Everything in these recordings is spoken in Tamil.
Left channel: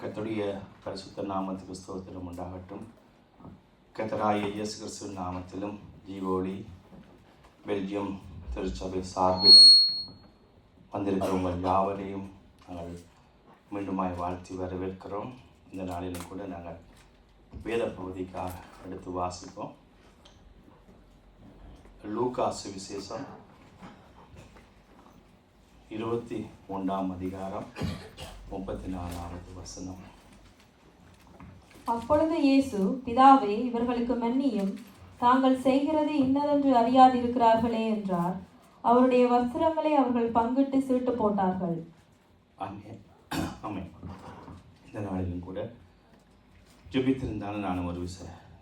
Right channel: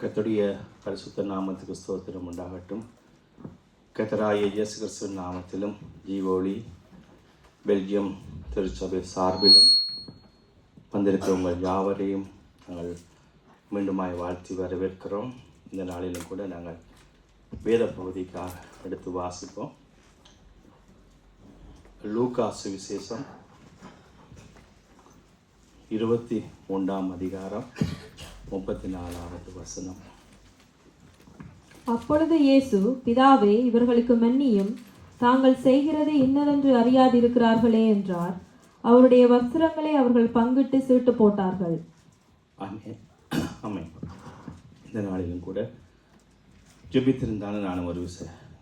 கர்த்தருடைய பரிசுத்த நாமத்துக்கு ஸ்தோத்திரம் உண்டாகட்டும். கர்த்தராகிய இயேசு கிறிஸ்துவின் நாமத்திலும் ஜீவோலி பெல்ஜியம் திருச்சபை சார்பிலும் வந்திருக்கிறவங்க யாவரையும் நாங்கள் மீண்டுமாய் வாழ்த்தி வரவேற்கிறோம். இந்த நாளிலும் கூட நாங்கள் வேத பகுதிக்காக எடுத்து வாசிப்போம். லூக்கா சுவிசேஷம் 21ஆம் அதிகாரம் 34வது வசனம். அப்பொழுது இயேசு, பிதாவே, இவர்களுக்கு மன்னியும், தாங்கள் செய்கிறது இன்னதென்று அறியாதிருக்கிறார்களே என்றார். அவருடைய வஸ்திரங்களை அவர்கள் பங்கிட்டு சீட்டு போட்டார்கள். ஆமென். இந்த நாளிலும் கூட ஜெபித்திருந்தாலும் நானும் ஒரு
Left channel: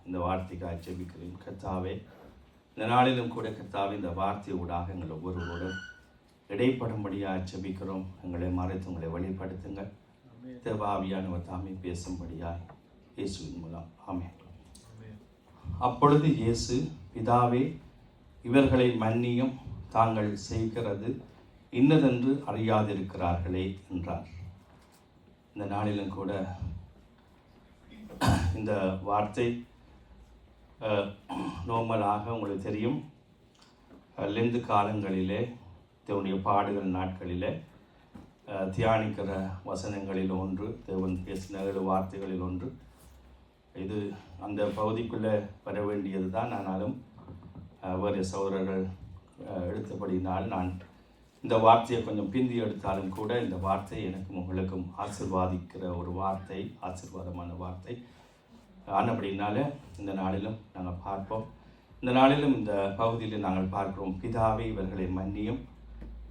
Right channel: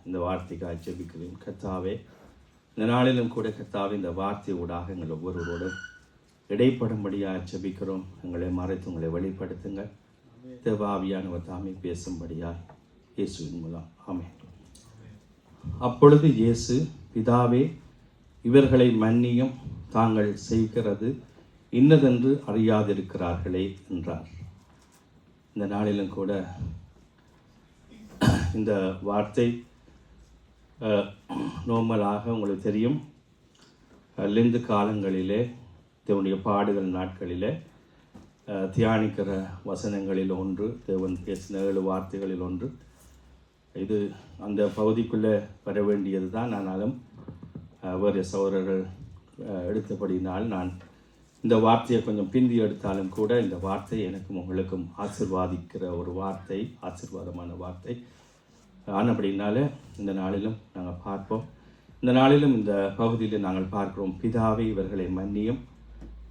இந்த வார்த்தைக்காக ஜெபிக்கிறேன். கர்த்தாவே, இந்த நாளிலும் கூட கர்த்தாவே, இந்த வார்த்தை ஊடாக எங்கள் ஒவ்வொருவரோடு இடைப்படும்படியாக ஜெபிக்கிறோம். எங்களை மறைத்து உங்களை வெளிப்படுத்துங்கள். தேவாவியானவர் தாமே பேசும்படியாய் இயேசுவின் மூலம். ஆமென். அப்பொழுது இயேசு, பிதாவே, இவர்களை மன்னியும், தாங்கள் செய்கிறது இன்னதென்று அறியாதிருக்கிறார்களே என்றார். இந்த நாளிலும் கூட இந்த வார்த்தை நோர்மலாக உங்களுக்கு தெரியும், லெந்து காலங்களிலே தேவனுடைய பாடுகிற நாட்களில் தியானிக்கிற வசனங்களில் ஒன்று, தேவன் பேசின 7 வார்த்தைகளில் ஒன்று. இது அந்த பகுதிக்குள்ளே வர வேண்டியது தான். ஆனாலும் வேறு சகோதரர்கள் எடுத்தபடினால் நான் இந்த வார்த்தையை கொஞ்சம் பிந்தி எடுத்தாலும் கூட இந்த வார்த்தை எனக்கும் உங்களுக்கும் ஆசீர்வாதிக்கிற ஒரு வார்த்தை, ஆசீர்வாதமான வார்த்தை ஆனபடினால இந்த நாளிலும் நாங்கள் பார்ப்போம். இந்த நாளிலும் இந்த பகுதியில் நாங்கள் பார்க்கிறோம், பிதாவே, இவர்களை மன்னியும்,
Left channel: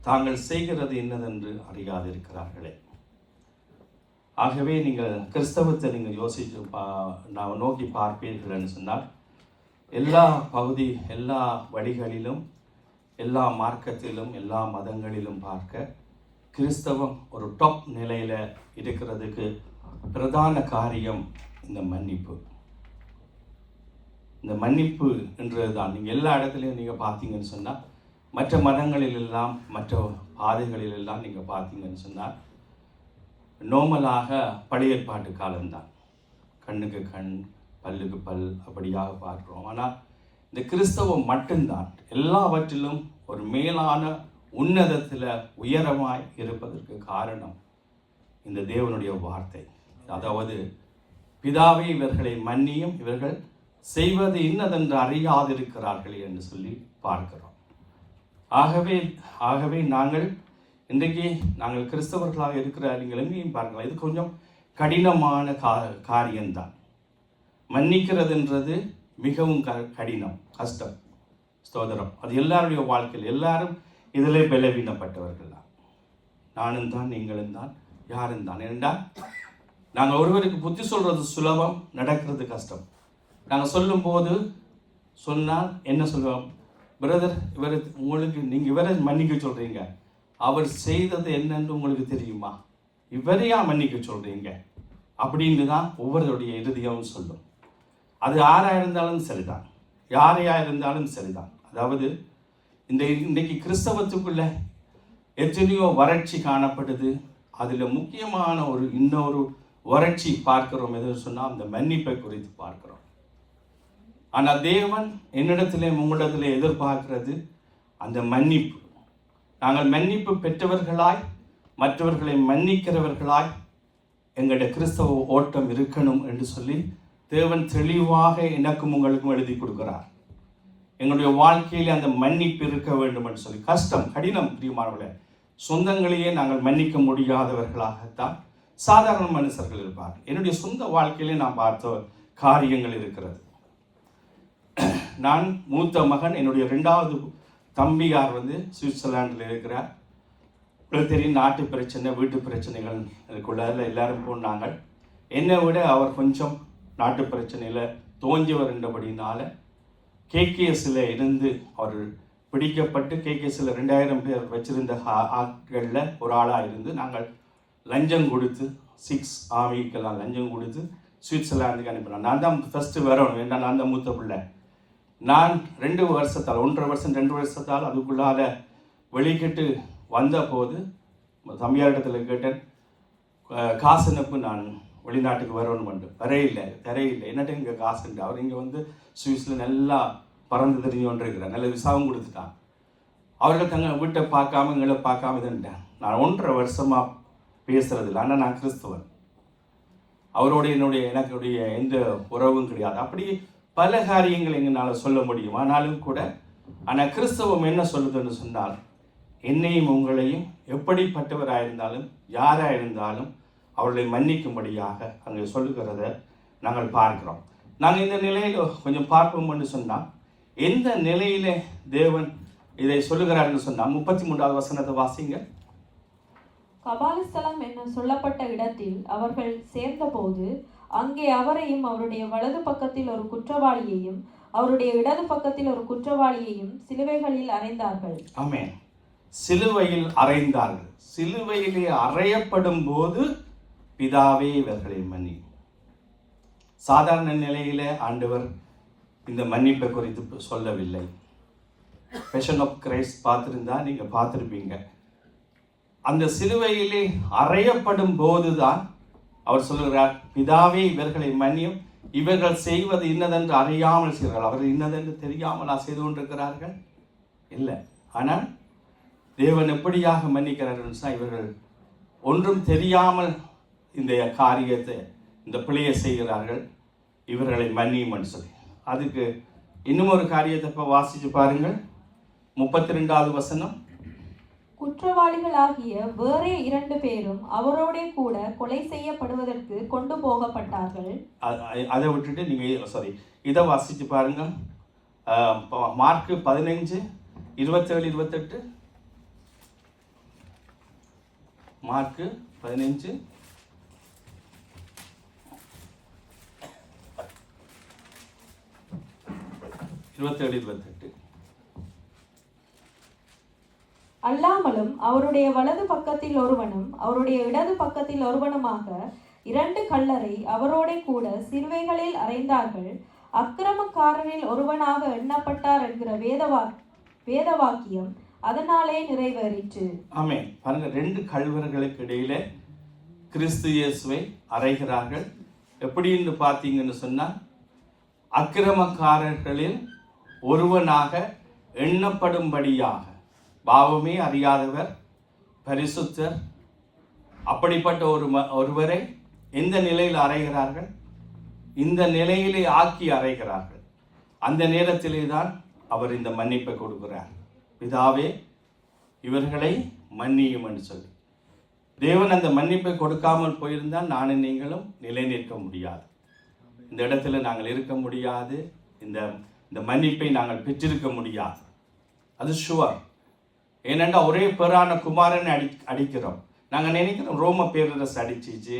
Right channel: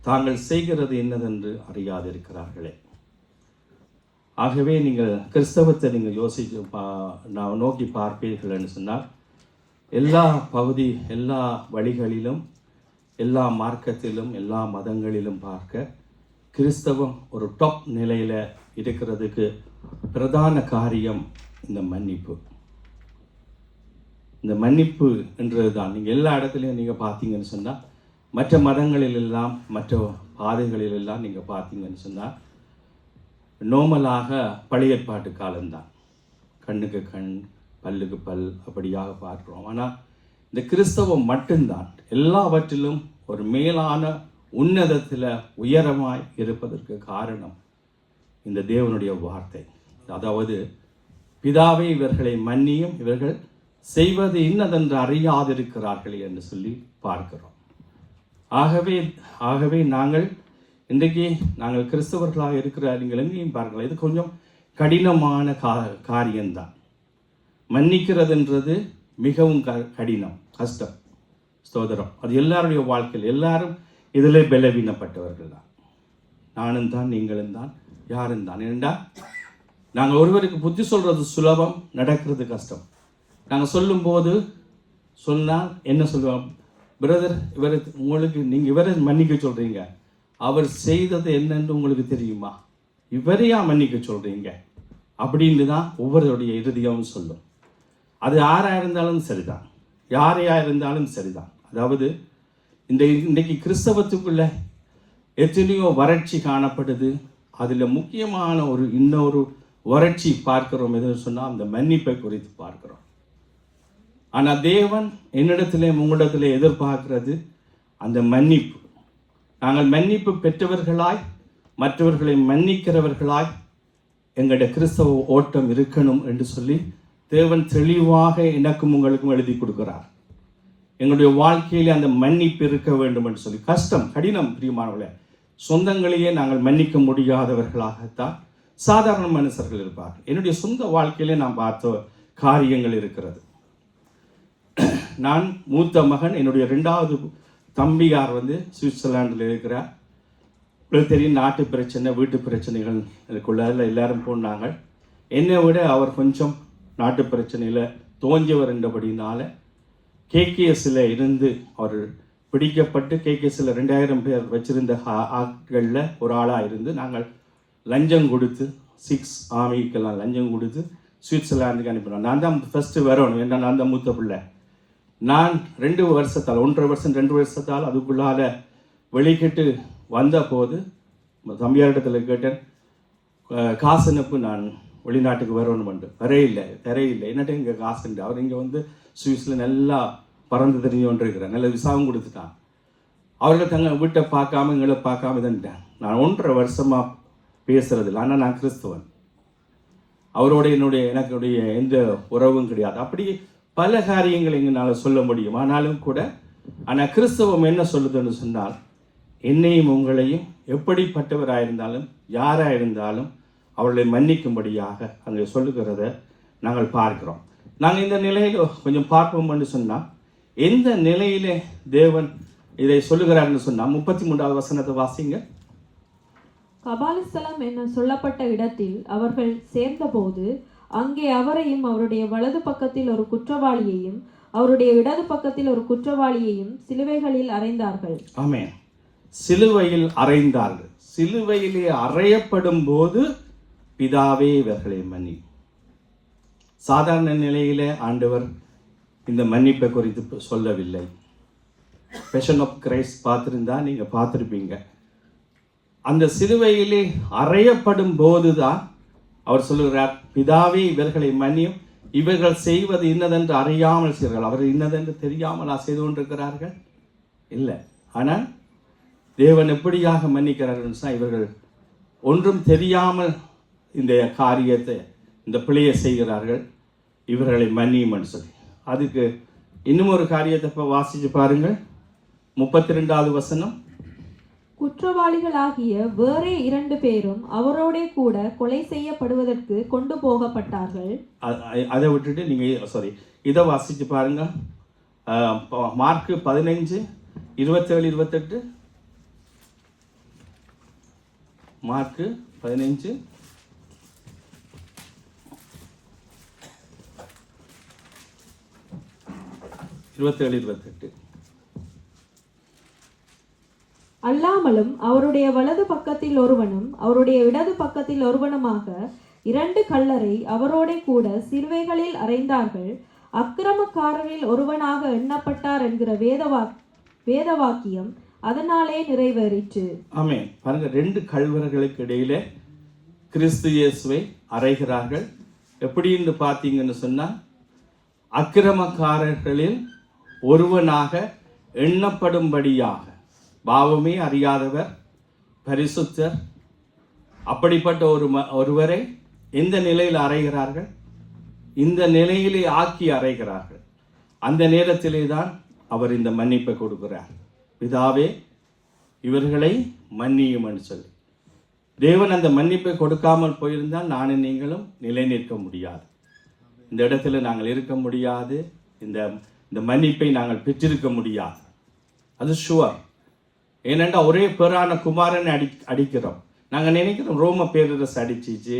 தாங்கள் செய்கிறது என்னதென்று அறியாதிருக்கிறார்களே. ஆகவே நீங்கள் கிறிஸ்தவத்தை நீங்கள் யோசித்து நான் நோக்கி பார்ப்பீர்கள்னு சொன்னால், எல்லா பகுதி, எல்லா வழிகளிலும், எல்லா மார்க்கத்திலும், எல்லா மதங்களிலும் பார்க்க கிறிஸ்தவம் ஒரு டாப் நிலையில் இருக்கிறதுக்கு பிரதான காரியம் இந்த மன்னிப்பு. இந்த மன்னிப்பு என்றது தான். நீங்கள் எல்லா இடத்துலையும் நீங்கள் பார்த்தீங்கன்னு சொன்னால், மற்ற மதங்களிலெல்லாம், மற்ற பாதைகளிலெல்லாம் நீங்கள் பார்த்தீங்கன்னு சொன்னால், நோமலாக பழைய ஏற்பாட்டு காலம்தான். கண்ணுக்கு கண், பல்லுக்கு பல், அப்படியாக பார்க்குறோம். ஆனால் இந்த கிறிஸ்தவம் மட்டும்தான் எல்லாவற்றிலும் ஒரு மேலான உன்னதத்தில் உயரமாய் இருப்பதற்கு காரணம் இந்த தேவனுடைய வார்த்தை. அதாவது, பிதாவே, இவர்களை மன்னியும், இவர்கள் செய்வது இன்னதென்று அறியாதிருக்கிறார்களே என்று சொல்லி பார்க்கிறோம். ஆகவே நாங்கள் இன்றைக்கு நாங்கள் கிறிஸ்தவர்களாக இருக்கிற நீங்கள் எங்கேயும் பார்க்கலாம், இது கொஞ்சம் கடினமான காரியம்தான். மன்னிக்கிறதுன்றது மிகவும் கடினம், கஷ்டம், ஸ்தோத்திரம். அது எல்லாருடைய வாழ்க்கையில் எல்லாரும் இதில் பலவீனப்பட்டவர்கள் தான். நானும் தான், நீங்களும் தான், யாரும் தான். ஏண்டா நாங்கள் ஒருவருக்கு புத்தி சொல்கிறது சுலபம், நடக்கிறது கஷ்டம். நாங்கள் சொல்லும்போது சொன்னால் என்ன சொல்லுவோம், பிரதர், இவரை உங்களுக்கு நீங்கள் இவரை மன்னிக்க சொல்கிறீங்க, அவர் செய்தது என்னன்னு உங்களுக்கு தெரியுமா, இவரையா மன்னிக்க சொல்கிறீங்க அப்படின்னு தான் ஒவ்வொருடைய இறுதியும் சொல்லும். அது யாராக இருந்தாலும் சரிதான், யாரையாக இருந்தாலும் சரிதான். அதாவது இன்றைக்கு கிறிஸ்தவத்துக்குள்ள எத்தனையோ வறட்சி காணப்படுது. அதில் முக்கியமான இன்னொரு வறட்சி பார்க்கிறோம். எதுன்னு சொன்னால் அந்த மன்னிப்பை குறித்து பார்க்கிறோம். ஆனால் தேவன் என்னிடத்திலே உங்களிடத்திலே எதிர்பார்க்கிறது அந்த மன்னிப்பு. நாங்கள் மன்னிப்பு பெற்றவர்களாய், மற்றவர்களை மன்னிக்கிறவர்களாய் எங்களுடைய கிறிஸ்தவ ஓட்டம் இருக்கணும் என்று சொல்லி தேவன் தெளிவாக எனக்கும் உங்களுக்கும் எழுதி கொடுக்கிறார். எங்களுடைய வாழ்க்கையிலே அந்த மன்னிப்பு இருக்க வேண்டும் என்று சொல்லி. கஷ்டம், கடினம், பிரியமானவர்களே. சொந்தங்களையே நாங்கள் மன்னிக்க முடியாதவர்களாகத்தான் சாதாரண மனுஷர்கள் இருப்பார்கள். என்னுடைய சொந்த வாழ்க்கையிலே நான் பார்த்த காரியங்கள் இருக்கிறது. நான் மூத்த மகன், என்னுடைய 2வது தம்பியார் சுவிட்சர்லாண்டில் இருக்கிறார். தெரியும், நாட்டு பிரச்சனை, வீட்டு பிரச்சனைகள் இருக்குள்ள எல்லாரும் போனாங்க. என்னை விட அவர் கொஞ்சம் நாட்டு பிரச்சனையில் தோஞ்சவர் என்றபடினால கேகேஎஸ்ல இருந்து அவர் பிடிக்கப்பட்டு கேகேஎஸ்ல 2000 பேர் வச்சிருந்த ஆட்களில் ஒரு ஆளாக இருந்து நாங்கள் லஞ்சம் கொடுத்து 6 ஆர்மிக்கெல்லாம் லஞ்சம் கொடுத்து சுவிட்சர்லாந்துக்கு அனுப்பினோம். நான் தான் ஃபஸ்ட்டு வரணும், ஏன்னா நான் தான் மூத்த பிள்ளை. நான் 2 வருஷத்தால் 1.5 வருஷம் 2 வருஷத்தால் அதுக்குள்ளால வெளிக்கிட்டு வந்த போது தம்பியாரிடத்தில் கேட்டேன், காசு அனுப்பு, நான் வெளிநாட்டுக்கு வரணும் வரையில்லை தரையில்லை என்னட்டு இங்கே காசுண்டு. அவர் இங்கே வந்து சுவிஸில் நல்லா பறந்து தெரிஞ்சு கொண்டு இருக்கிறார், நல்ல விசாவும் கொடுத்துட்டான். அவர்கள் தங்கள் வீட்டை பார்க்காம எங்களை பார்க்காம இதுன்ட்டேன். நான் 1.5 வருஷமாக பேசுறதில்லை, ஆனால் நான் கிறிஸ்தவன். அவரோட எனக்குடைய எந்த உறவும் கிடையாது. அப்படி பல காரியங்கள் எங்களால் சொல்ல முடியும். ஆனாலும் கூட ஆனால் கிறிஸ்தவம் என்ன சொல்லுதுன்னு சொன்னால், என்னையும் உங்களையும் எப்படிப்பட்டவராயிருந்தாலும் யாராக இருந்தாலும் அவர்களை மன்னிக்கும்படியாக அங்கே சொல்லுகிறத நாங்கள் பார்க்கிறோம். நாங்கள் இந்த நிலையில் கொஞ்சம் பார்ப்போம்னு சொன்னால், எந்த நிலையில தேவன் இதை சொல்லுகிறார்னு சொன்னால் 33வது வசனத்தை வாசிங்க. கபாலஸ்தலம் என்ன சொல்லப்பட்ட இடத்தில் அவர்கள் சேர்ந்தபோது அங்கே அவரையும் அவருடைய வலது பக்கத்தில் ஒரு குற்றவாளியையும் அவருடைய இடது பக்கத்தில் ஒரு குற்றவாளியையும் சிலுவைகளில் அறைந்தார்கள். ஆமென். சிலுவையில் அறைந்தார்கள். சிலுவையிலே அறையப்படும் போது பிதாவே இவர்களை மன்னி. சாதாரண நிலையிலே ஆண்டவர் இந்த மன்னிப்பை குறித்து சொல்லவில்லை. பேஷன் ஆஃப் கிரைஸ்ட் பார்த்துருந்தா நீங்கள் பார்த்துருப்பீங்க. அந்த சிலுவையிலே அறையப்படும் போதுதான் அவர் சொல்லுகிறார், பிதாவே இவர்களை மன்னியும், இவர்கள் செய்வது இன்னதென்று அறியாமல் செய்கிறார்கள். அவர் இன்னதென்று தெரியாமல் செய்து கொண்டிருக்கிறார்கள் இல்லை. ஆனால் தேவன் எப்படியாக மன்னிக்கிறார்கள் சொன்னால், இவர்கள் ஒன்றும் தெரியாமல் இந்த காரியத்தை இந்த பிழையை செய்கிறார்கள், இவர்களை மன்னியும்னு சொல்லி. அதுக்கு இன்னும் ஒரு காரியத்தை இப்போ வாசிச்சு பாருங்கள். 32வது வசனம். குற்றவாளிகளாகிய வேறே 2 பேரும் அவரோட கூட கொலை செய்யப்படுவதற்கு கொண்டு போகப்பட்டார்கள். அதை விட்டுட்டு நீங்கள் இதை வாசிச்சு பாருங்க. மார்க் 15 27 28. மார்க் 15 27 28. அல்லாமலும் அவருடைய வலது பக்கத்தில் ஒருவனும் அவருடைய இடது பக்கத்தில் ஒருவனுமாக 2 கள்ளரை அவரோட கூட சிலுவைகளில் அறைந்தார்கள். அக்கிரமக்காரரில் ஒருவனாக எண்ணப்பட்டார் என்கிற வேதவாக்கியம் அதனாலே நிறைவேறிற்று. ஆமென். பாருங்க, 2 கள்வர்களுக்கு இடையில கிறிஸ்து இயேசுவை அறைகிறார்கள். எப்படின்னு பார்த்தீங்கன்னு சொன்னா, அக்கிரமக்காரர்களில் ஒருவனாக எண்ணப்படும்படியாக, பாவமே அறியாதவர், பரிசுத்தர், அப்படிப்பட்ட ஒருவரை எந்த நிலையில் அறைகிறார்கள்? இந்த நிலையிலே ஆக்கி அறைகிறார்கள். அந்த நேரத்திலே தான் அவர் இந்த மன்னிப்பை கொடுக்கிறார். பிதாவே இவர்களை மன்னியும் என்று சொல்லி. தேவன் அந்த மன்னிப்பை கொடுக்காமல் போயிருந்தால் நானும் நீங்களும் நிலை நிற்க முடியாது, இந்த இடத்துல நாங்கள் இருக்க முடியாது, இந்த மன்னிப்பை நாங்கள் பெற்றிருக்க முடியாது. அது ஷுவர். ஏனென்றா ஒரே பேரான குமாரனை அடிக்கிறோம். நாங்கள் நினைக்கிறோம் ரோம பேரரசு அடிச்சிச்சு,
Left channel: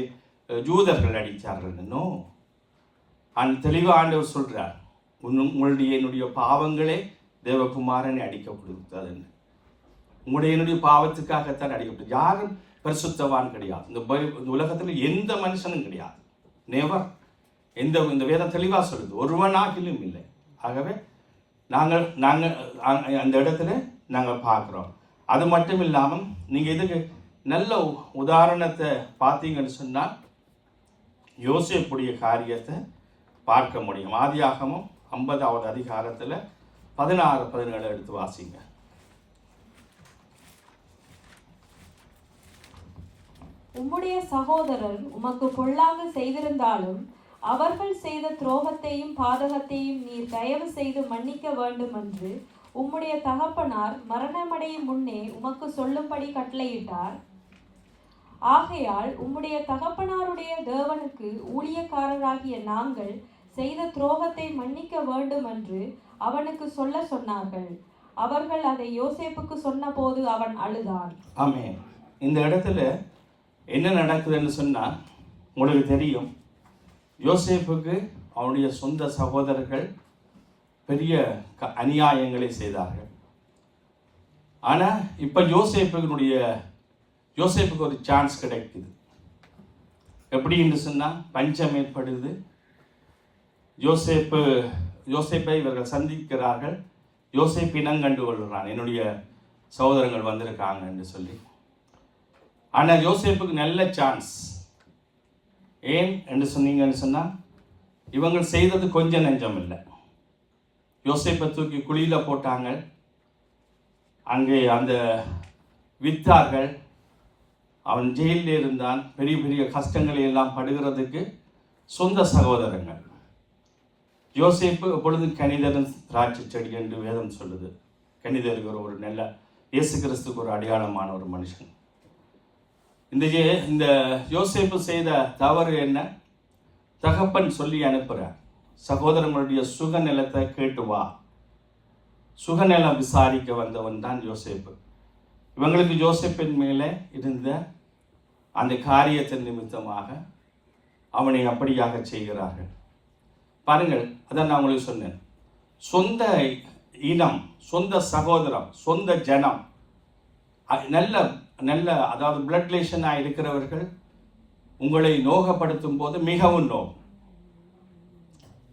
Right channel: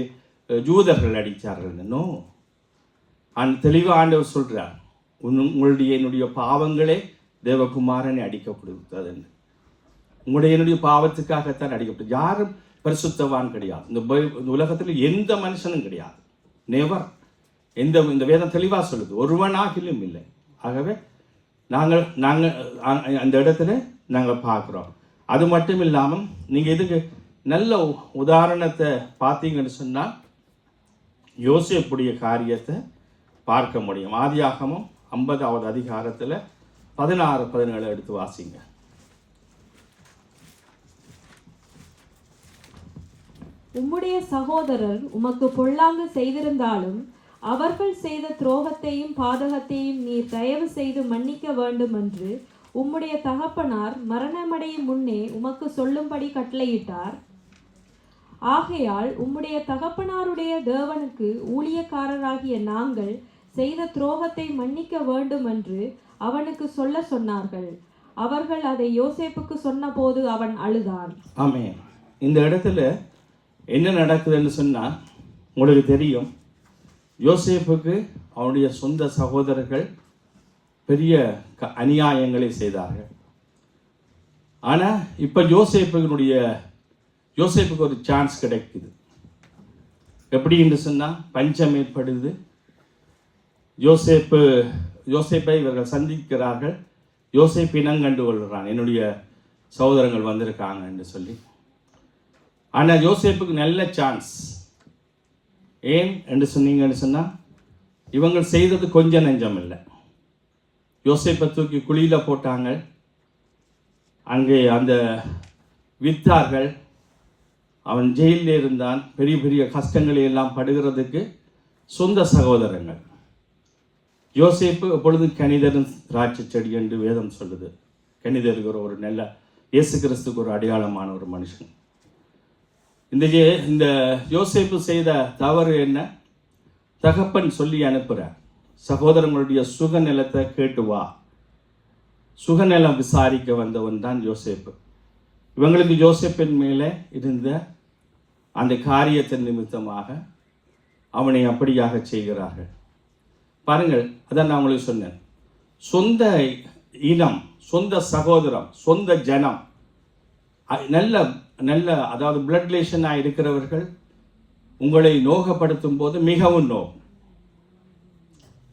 ஜூதர்கள் அடித்தார்கள். இன்னும் தெளிவாக ஆண்டவர் சொல்கிறார், என்னுடைய பாவங்களே தேவகுமாரனை அடிக்கப்படுத்ததுன்னு. என்னுடைய பாவத்துக்காகத்தான் அடிக்கப்பட்டது. யாரும் பரிசுத்தவான் கிடையாது. இந்த உலகத்தில் எந்த மனுஷனும் கிடையாது. நெவர். இந்த வேதம் தெளிவாக சொல்லுது, ஒருவனாகிலும் இல்லை. ஆகவே நாங்கள் அந்த இடத்துல நாங்கள் பார்க்குறோம். அது மட்டும் இல்லாமல் நீங்கள் இதுக்கு நல்ல உதாரணத்தை பார்த்தீங்கன்னு சொன்னால், யோசேப்புடைய காரியத்தை பார்க்க முடியும். ஆதியாகமம் 50வது அதிகாரத்தில் 16, 17 எடுத்து வாசிங்க. உம்முடைய சகோதரர் உமக்கு பொல்லாங்கு செய்திருந்தாலும் அவர்கள் செய்த துரோகத்தையும் பாதகத்தையும் நீர் தயவு செய்து மன்னிக்க வேண்டும் என்று உம்முடைய தகப்பனார் மரணமடையும் முன்னே உமக்கு சொல்லும்படி கட்டளையிட்டார். ஆகையால் உம்முடைய தகப்பனாருடைய தேவனுக்கு ஊழியக்காரராகிய நாங்கள் செய்த துரோகத்தை மன்னிக்க வேண்டும் என்று அவனுக்கு சொல்ல சொன்னார்கள். அவர்கள் அதை யோசேப்புக்கு சொன்னபோது அவன் அழுதான். ஆமென். இந்த இடத்துல என்ன நடக்குதுன்னு சொன்னால், உங்களுக்கு தெரியும், யோசேப்புக்கு அவனுடைய சொந்த சகோதரர்கள் பெரிய அநியாயங்களை செய்தார்கள். ஆனால் இப்போ யோசேப்புக்கு ஒரு சான்ஸ் கிடைக்குது. எப்படி என்று சொன்னால், பஞ்சம் ஏற்படுது. யோசேப்பை இவர்கள் சந்திக்கிறார்கள். யோசேப்பு இனங்கண்டு கொள்கிறான், என்னுடைய சகோதரங்கள் வந்திருக்காங்க என்று சொல்லி. ஆனால் யோசேப்புக்கு நல்ல சான்ஸ். ஏன் என்று சொன்னீங்கன்னு சொன்னால் இவங்க செய்தது கொஞ்சம் நெஞ்சம் இல்லை. யோசேப்பை தூக்கி குழியில் போட்டாங்க, அங்கே அந்த வித்தார்கள், அவன் ஜெயிலில் இருந்தான், பெரிய பெரிய கஷ்டங்களை எல்லாம் படுகிறதுக்கு சொந்த சகோதரங்கள். யோசேப்பு எப்பொழுதும் கணிதரும் திராட்சை செடி என்று வேதம் சொல்லுது. கணிதருக்கு ஒரு நல்ல இயேசு கிறிஸ்துக்கு ஒரு அடையாளமான ஒரு மனுஷன். இந்த யோசேப்பு செய்த தவறு என்ன? தகப்பன் சொல்லி அனுப்புகிறார், சகோதரங்களுடைய சுகநிலத்தை கேட்டு வா. சுகநிலம் விசாரிக்க வந்தவன் தான் யோசேப்பு. இவங்களுக்கு யோசேப்பின் மேலே இருந்த அந்த காரியத்தின் நிமித்தமாக அவனை அப்படியாக செய்கிறார்கள். பாருங்கள், அதான் நான் உங்களுக்கு சொன்னேன், சொந்த இனம், சொந்த சகோதரம், சொந்த ஜனம், நல்ல நல்ல அதாவது பிளட் ரிலேஷனாக இருக்கிறவர்கள் உங்களை நோகப்படுத்தும் போது மிகவும் நோகும்.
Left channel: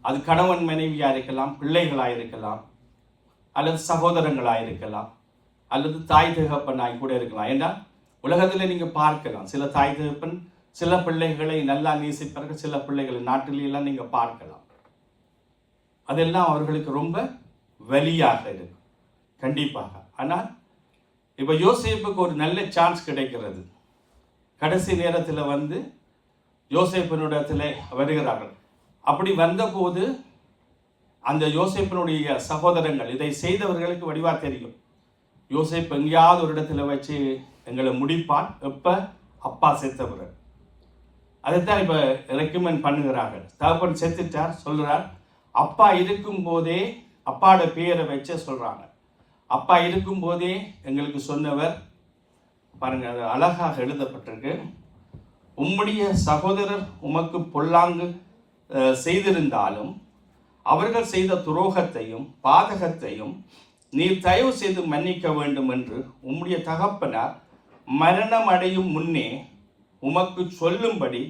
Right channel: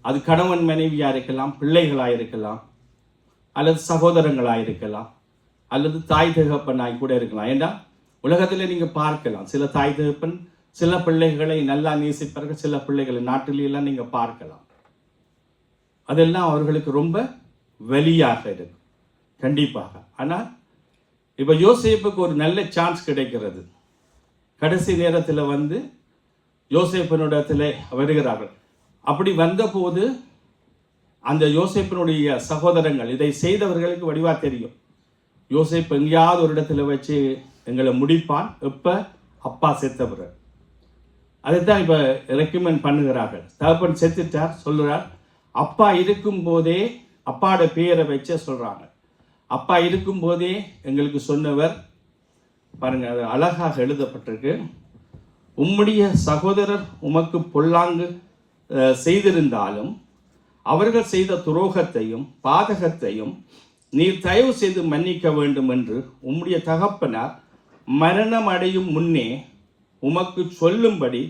அது கணவன் மனைவியாக இருக்கலாம், பிள்ளைகளாக இருக்கலாம், அல்லது சகோதரங்களாக இருக்கலாம், அல்லது தாய் தகப்பனாய் கூட இருக்கலாம். ஏன்னா உலகத்தில் நீங்கள் பார்க்கலாம், சில தாய் தகப்பன் சில பிள்ளைகளை நல்லா நேசிப்பார்கள், சில பிள்ளைகளை நாட்டிலெல்லாம் நீங்கள் பார்க்கலாம். அதெல்லாம் அவர்களுக்கு ரொம்ப வலியாக இருக்கும் கண்டிப்பாக. ஆனால் இப்போ யோசேப்புக்கு ஒரு நல்ல சான்ஸ் கிடைக்கிறது. கடைசி நேரத்தில் வந்து யோசேப்பினிடத்தில் வருகிறார்கள். அப்படி வந்தபோது அந்த யோசேப்பினுடைய சகோதரங்கள், இதை செய்தவர்களுக்கு வடிவா தெரியும், யோசேப்பு எங்கேயாவது ஒரு இடத்துல வச்சு எங்களை முடிப்பான், எப்போ அப்பா செத்தவர். அதைத்தான் இப்போ ரெக்கமெண்ட் பண்ணுகிறார்கள். தகப்பன் செத்துட்டார் சொல்கிறார், அப்பா இருக்கும் போதே அப்பாவோட பேரை வச்ச சொல்கிறாங்க. அப்பா இருக்கும்போதே எங்களுக்கு சொன்னவர் பாருங்க, அது அழகாக எழுதப்பட்டிருக்கு. உம்முடைய சகோதரர் உமக்கு பொல்லாங்கு செய்திருந்தாலும் அவர்கள் செய்த துரோகத்தையும் பாதகத்தையும் நீர் தயவு செய்து மன்னிக்க வேண்டும் என்று உம்முடைய தகப்பனார் மரணம் அடையும் முன்னே உமக்கு சொல்லும்படி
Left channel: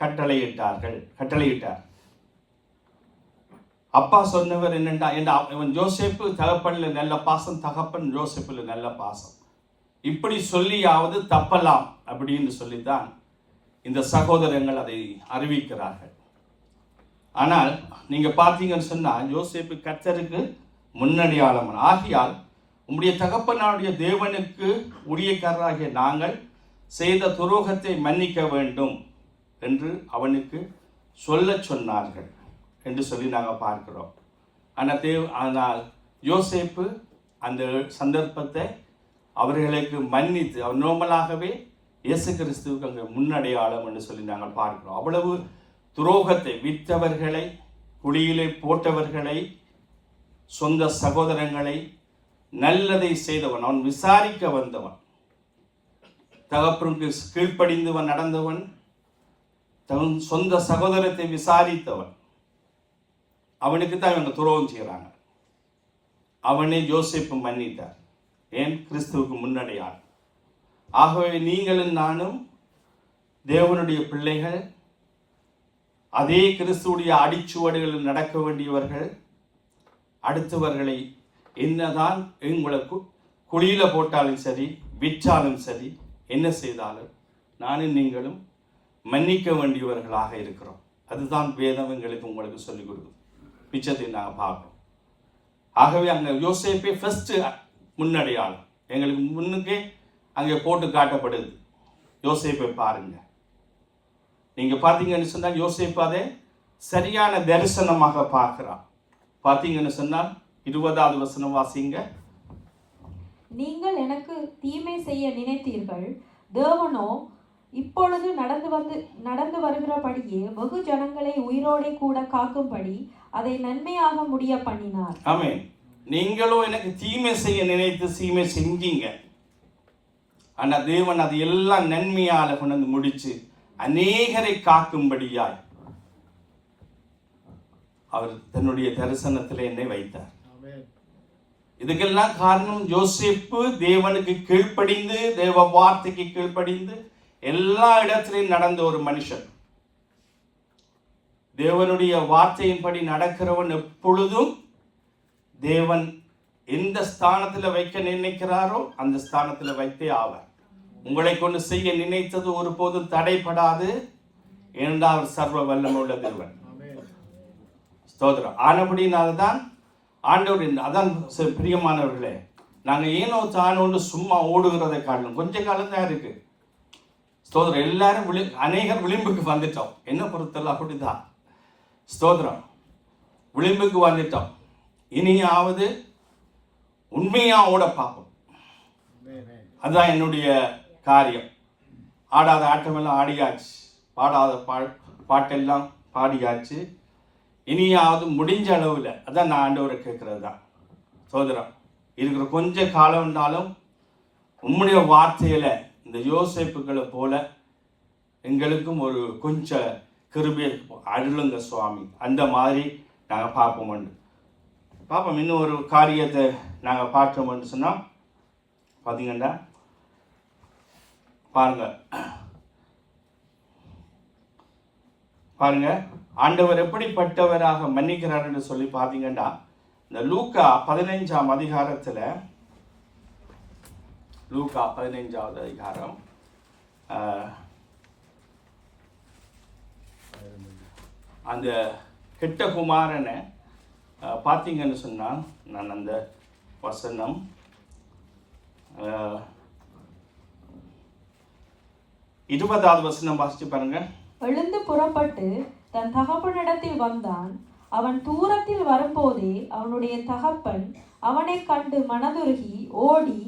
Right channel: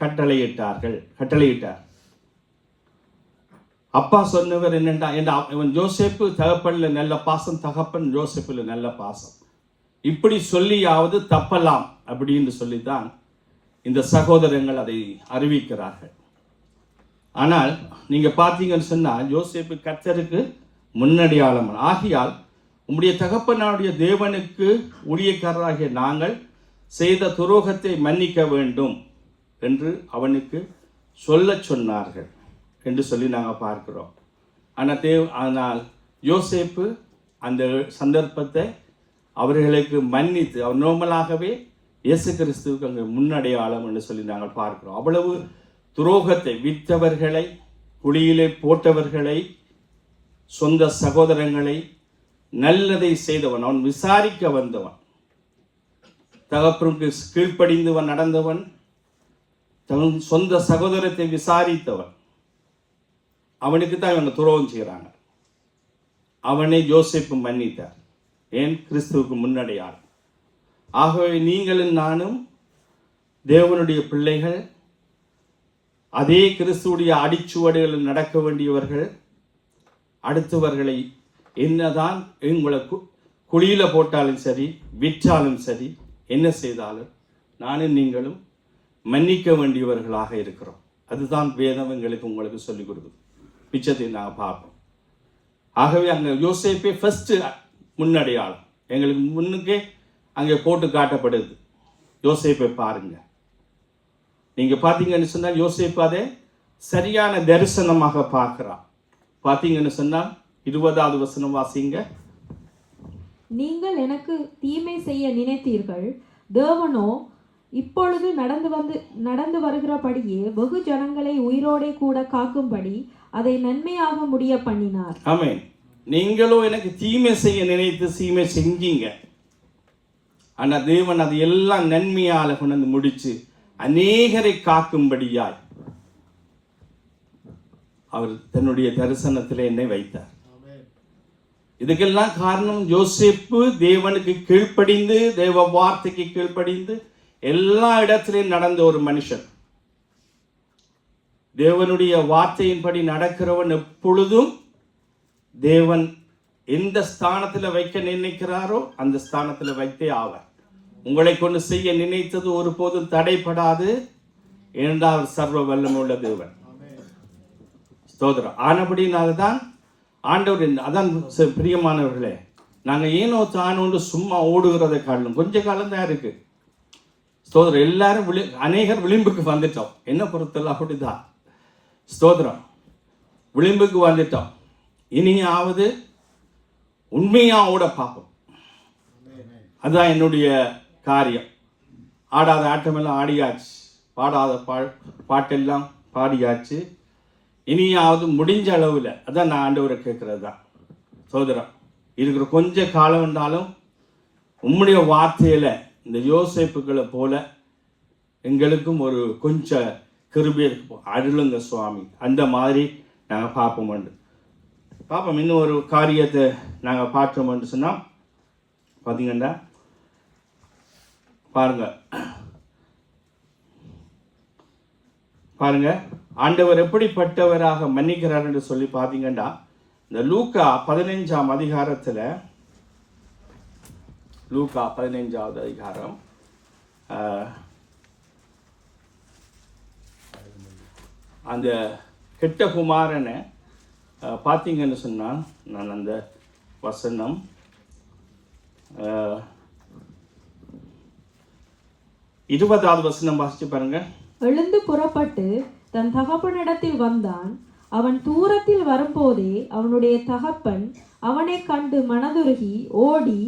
கட்டளையிட்டார். அப்பா சொன்னவர் என்னென்னா, இவன் யோசேப்பு தகப்பனில் நல்ல பாசம், தகப்பன் யோசேப்பில் நல்ல பாசம், இப்படி சொல்லியாவது தப்பலாம் அப்படின்னு சொல்லித்தான் இந்த சகோதரங்கள் அதை அறிவிக்கிறார்கள். ஆனால் நீங்கள் பார்த்தீங்கன்னு சொன்னால் யோசேப்பு கர்த்தருக்கு முன்னடையாளம். ஆகியால் உம்முடைய தகப்பனாருடைய தேவனுக்கு ஊழியக்காரராகிய நாங்கள் செய்த துரோகத்தை மன்னிக்க வேண்டும் என்று அவனுக்கு சொன்னார்கள் என்று சொல்லி நாங்கள் பார்க்கிறோம். ஆனால் யோசேப்பு அந்த சந்தர்ப்பத்தை அவர்களுக்கு மன்னித்து, அவர் நோமலாகவே இயேசு கிறிஸ்துவுக்கு அங்கே முன்னடையாளம் என்று சொல்லி நாங்கள் பார்க்கிறோம். அவ்வளவு துரோகத்தை, விற்றவர்களை, குழியிலே போட்டவர்களை, சொந்த சகோதரங்களை, நல்லதை செய்தவன், அவன் விசாரிக்க வந்தவன், தகப்பனுக்கு கீழ்ப்படிந்தவன் நடந்தவன், தன் சொந்த சகோதரத்தை விசாரித்தவன், அவனுக்கு தான் இவங்க துரோகம் செய்கிறாங்க. அவனை யோசேப்பு மன்னித்தார். ஏன்? கிறிஸ்துவுக்கு முன்னடையாளம். ஆகவே நீங்களும் நானும் தேவனுடைய பிள்ளைகள், அதே கிறிஸ்துவுடைய அடிச்சுவடுகளில் நடக்க வேண்டியவர்கள். அடுத்தவர்களை என்னதான் உங்களை குழியில் போட்டாலும் சரி, விற்றாலும் சரி, என்ன செய்தாலும் நானும் நீங்களும் மன்னிக்க வேண்டியவர்களாக இருக்கிறோம். அதுதான் வேதம் எங்களுக்கு உங்களுக்கு சொல்லிக் கொடுக்கும். மிச்சத்தை நாங்கள் பார்ப்போம். ஆகவே அங்கே யோசேப்பே ஃபர்ஸ்ட் முன்னடையாளம் எங்களுக்கு முன்னுக்கே அங்கே போட்டு காட்டப்படுது. யோசேப்பை பாருங்க. நீங்க பார்த்தீங்கன்னு சொன்னால் யோசேப்பு அதை சரியான தரிசனமாக பார்க்கிறான். பார்த்தீங்கன்னு சொன்னால் 20வது வசனம் வாசிங்க. நீங்கள் எனக்கு தீமை செய்ய நினைத்தீர்கள், தேவனோ இப்பொழுது நடந்து வருகிறபடியே வெகு ஜனங்களை உயிரோடே கூட காக்கும்படி அதை நன்மையாக முடிய பண்ணினார். ஆமென். நீங்களும் எனக்கு தீமை செய்ய நினைத்து தீமை செஞ்சீங்க. ஆனா தேவன் அது எல்லாம் நன்மையால கொண்டு முடிச்சு அநேகரை காக்கும்படியாய் அவர் தன்னுடைய தரிசனத்திலே என்னை வைத்தார். இதுக்கெல்லாம் காரணம் யோசேப்பு தேவனுக்கு கீழ்ப்படிந்து, தேவ வார்த்தைக்கு கீழ்ப்படிந்து எல்லா இடத்திலையும் நடந்த ஒரு மனுஷன். தேவனுடைய வார்த்தையின்படி நடக்கிறவன் எப்பொழுதும் தேவன் எந்த ஸ்தானத்தில் வைக்க நினைக்கிறாரோ அந்த ஸ்தானத்தில் வைத்தே ஆவார். உங்களை கொண்டு செய்ய நினைத்தது ஒருபோதும் தடைப்படாது. ஏனென்றால் அவர் சர்வ வல்லமுள்ள தேவன். ஸ்தோத்திரம். ஆனபடினால தான் ஆண்டவர், அதான் பிரியமானவர்களே, நாங்கள் ஏனோ தானோண்டு சும்மா ஓடுகிறதை காரணம் கொஞ்ச காலம் தான் இருக்கு. ஸ்தோத்திரம். எல்லாரும் அநேகர் விளிம்புக்கு வந்துட்டோம். என்ன பொறுத்தல அப்படிதான். ஸ்தோத்திரம். விளிம்புக்கு வந்துட்டோம். இனியாவது உண்மையா ஓட பார்ப்போம். அதுதான் என்னுடைய காரியம். ஆடாத ஆட்டமெல்லாம் ஆடியாச்சு, பாடாத பாட்டெல்லாம் பாடியாச்சு. இனியாவது முடிஞ்ச அளவில், அதான் நான் ஆண்டவரை கேட்கறது தான். சோதரம், இருக்கிற கொஞ்ச காலம் இருந்தாலும் உம்முடைய வார்த்தையில இந்த யோசேப்புகளை போல எங்களுக்கும் ஒரு கொஞ்சம் கிருபையை அருளுங்க சுவாமி. அந்த மாதிரி நாங்கள் பார்ப்போம். இன்னும் ஒரு காரியத்தை நாங்கள் பார்த்தோம்னு சொன்னால் பார்த்தீங்கன்னா பாருங்க ஆண்டவர் எப்படிப்பட்டவராக மன்னிக்கிறார் என்று சொல்லி பார்த்தீங்கன்னா, இந்த லூக்கா 15ஆம் அதிகாரத்தில், லூக்கா 15வது அதிகாரம் அந்த கெட்ட குமாரனை பார்த்தீங்கன்னு சொன்னால், நான் அந்த வசனம் 20வது வசனம் வாசிச்சு பாருங்க. எழுந்து புறப்பட்டு தன் தகப்பனிடத்தில் வந்தான். அவன் தூரத்தில் வரும்போதே அவனுடைய தகப்பன் அவனை கண்டு மனதுருகி ஓடி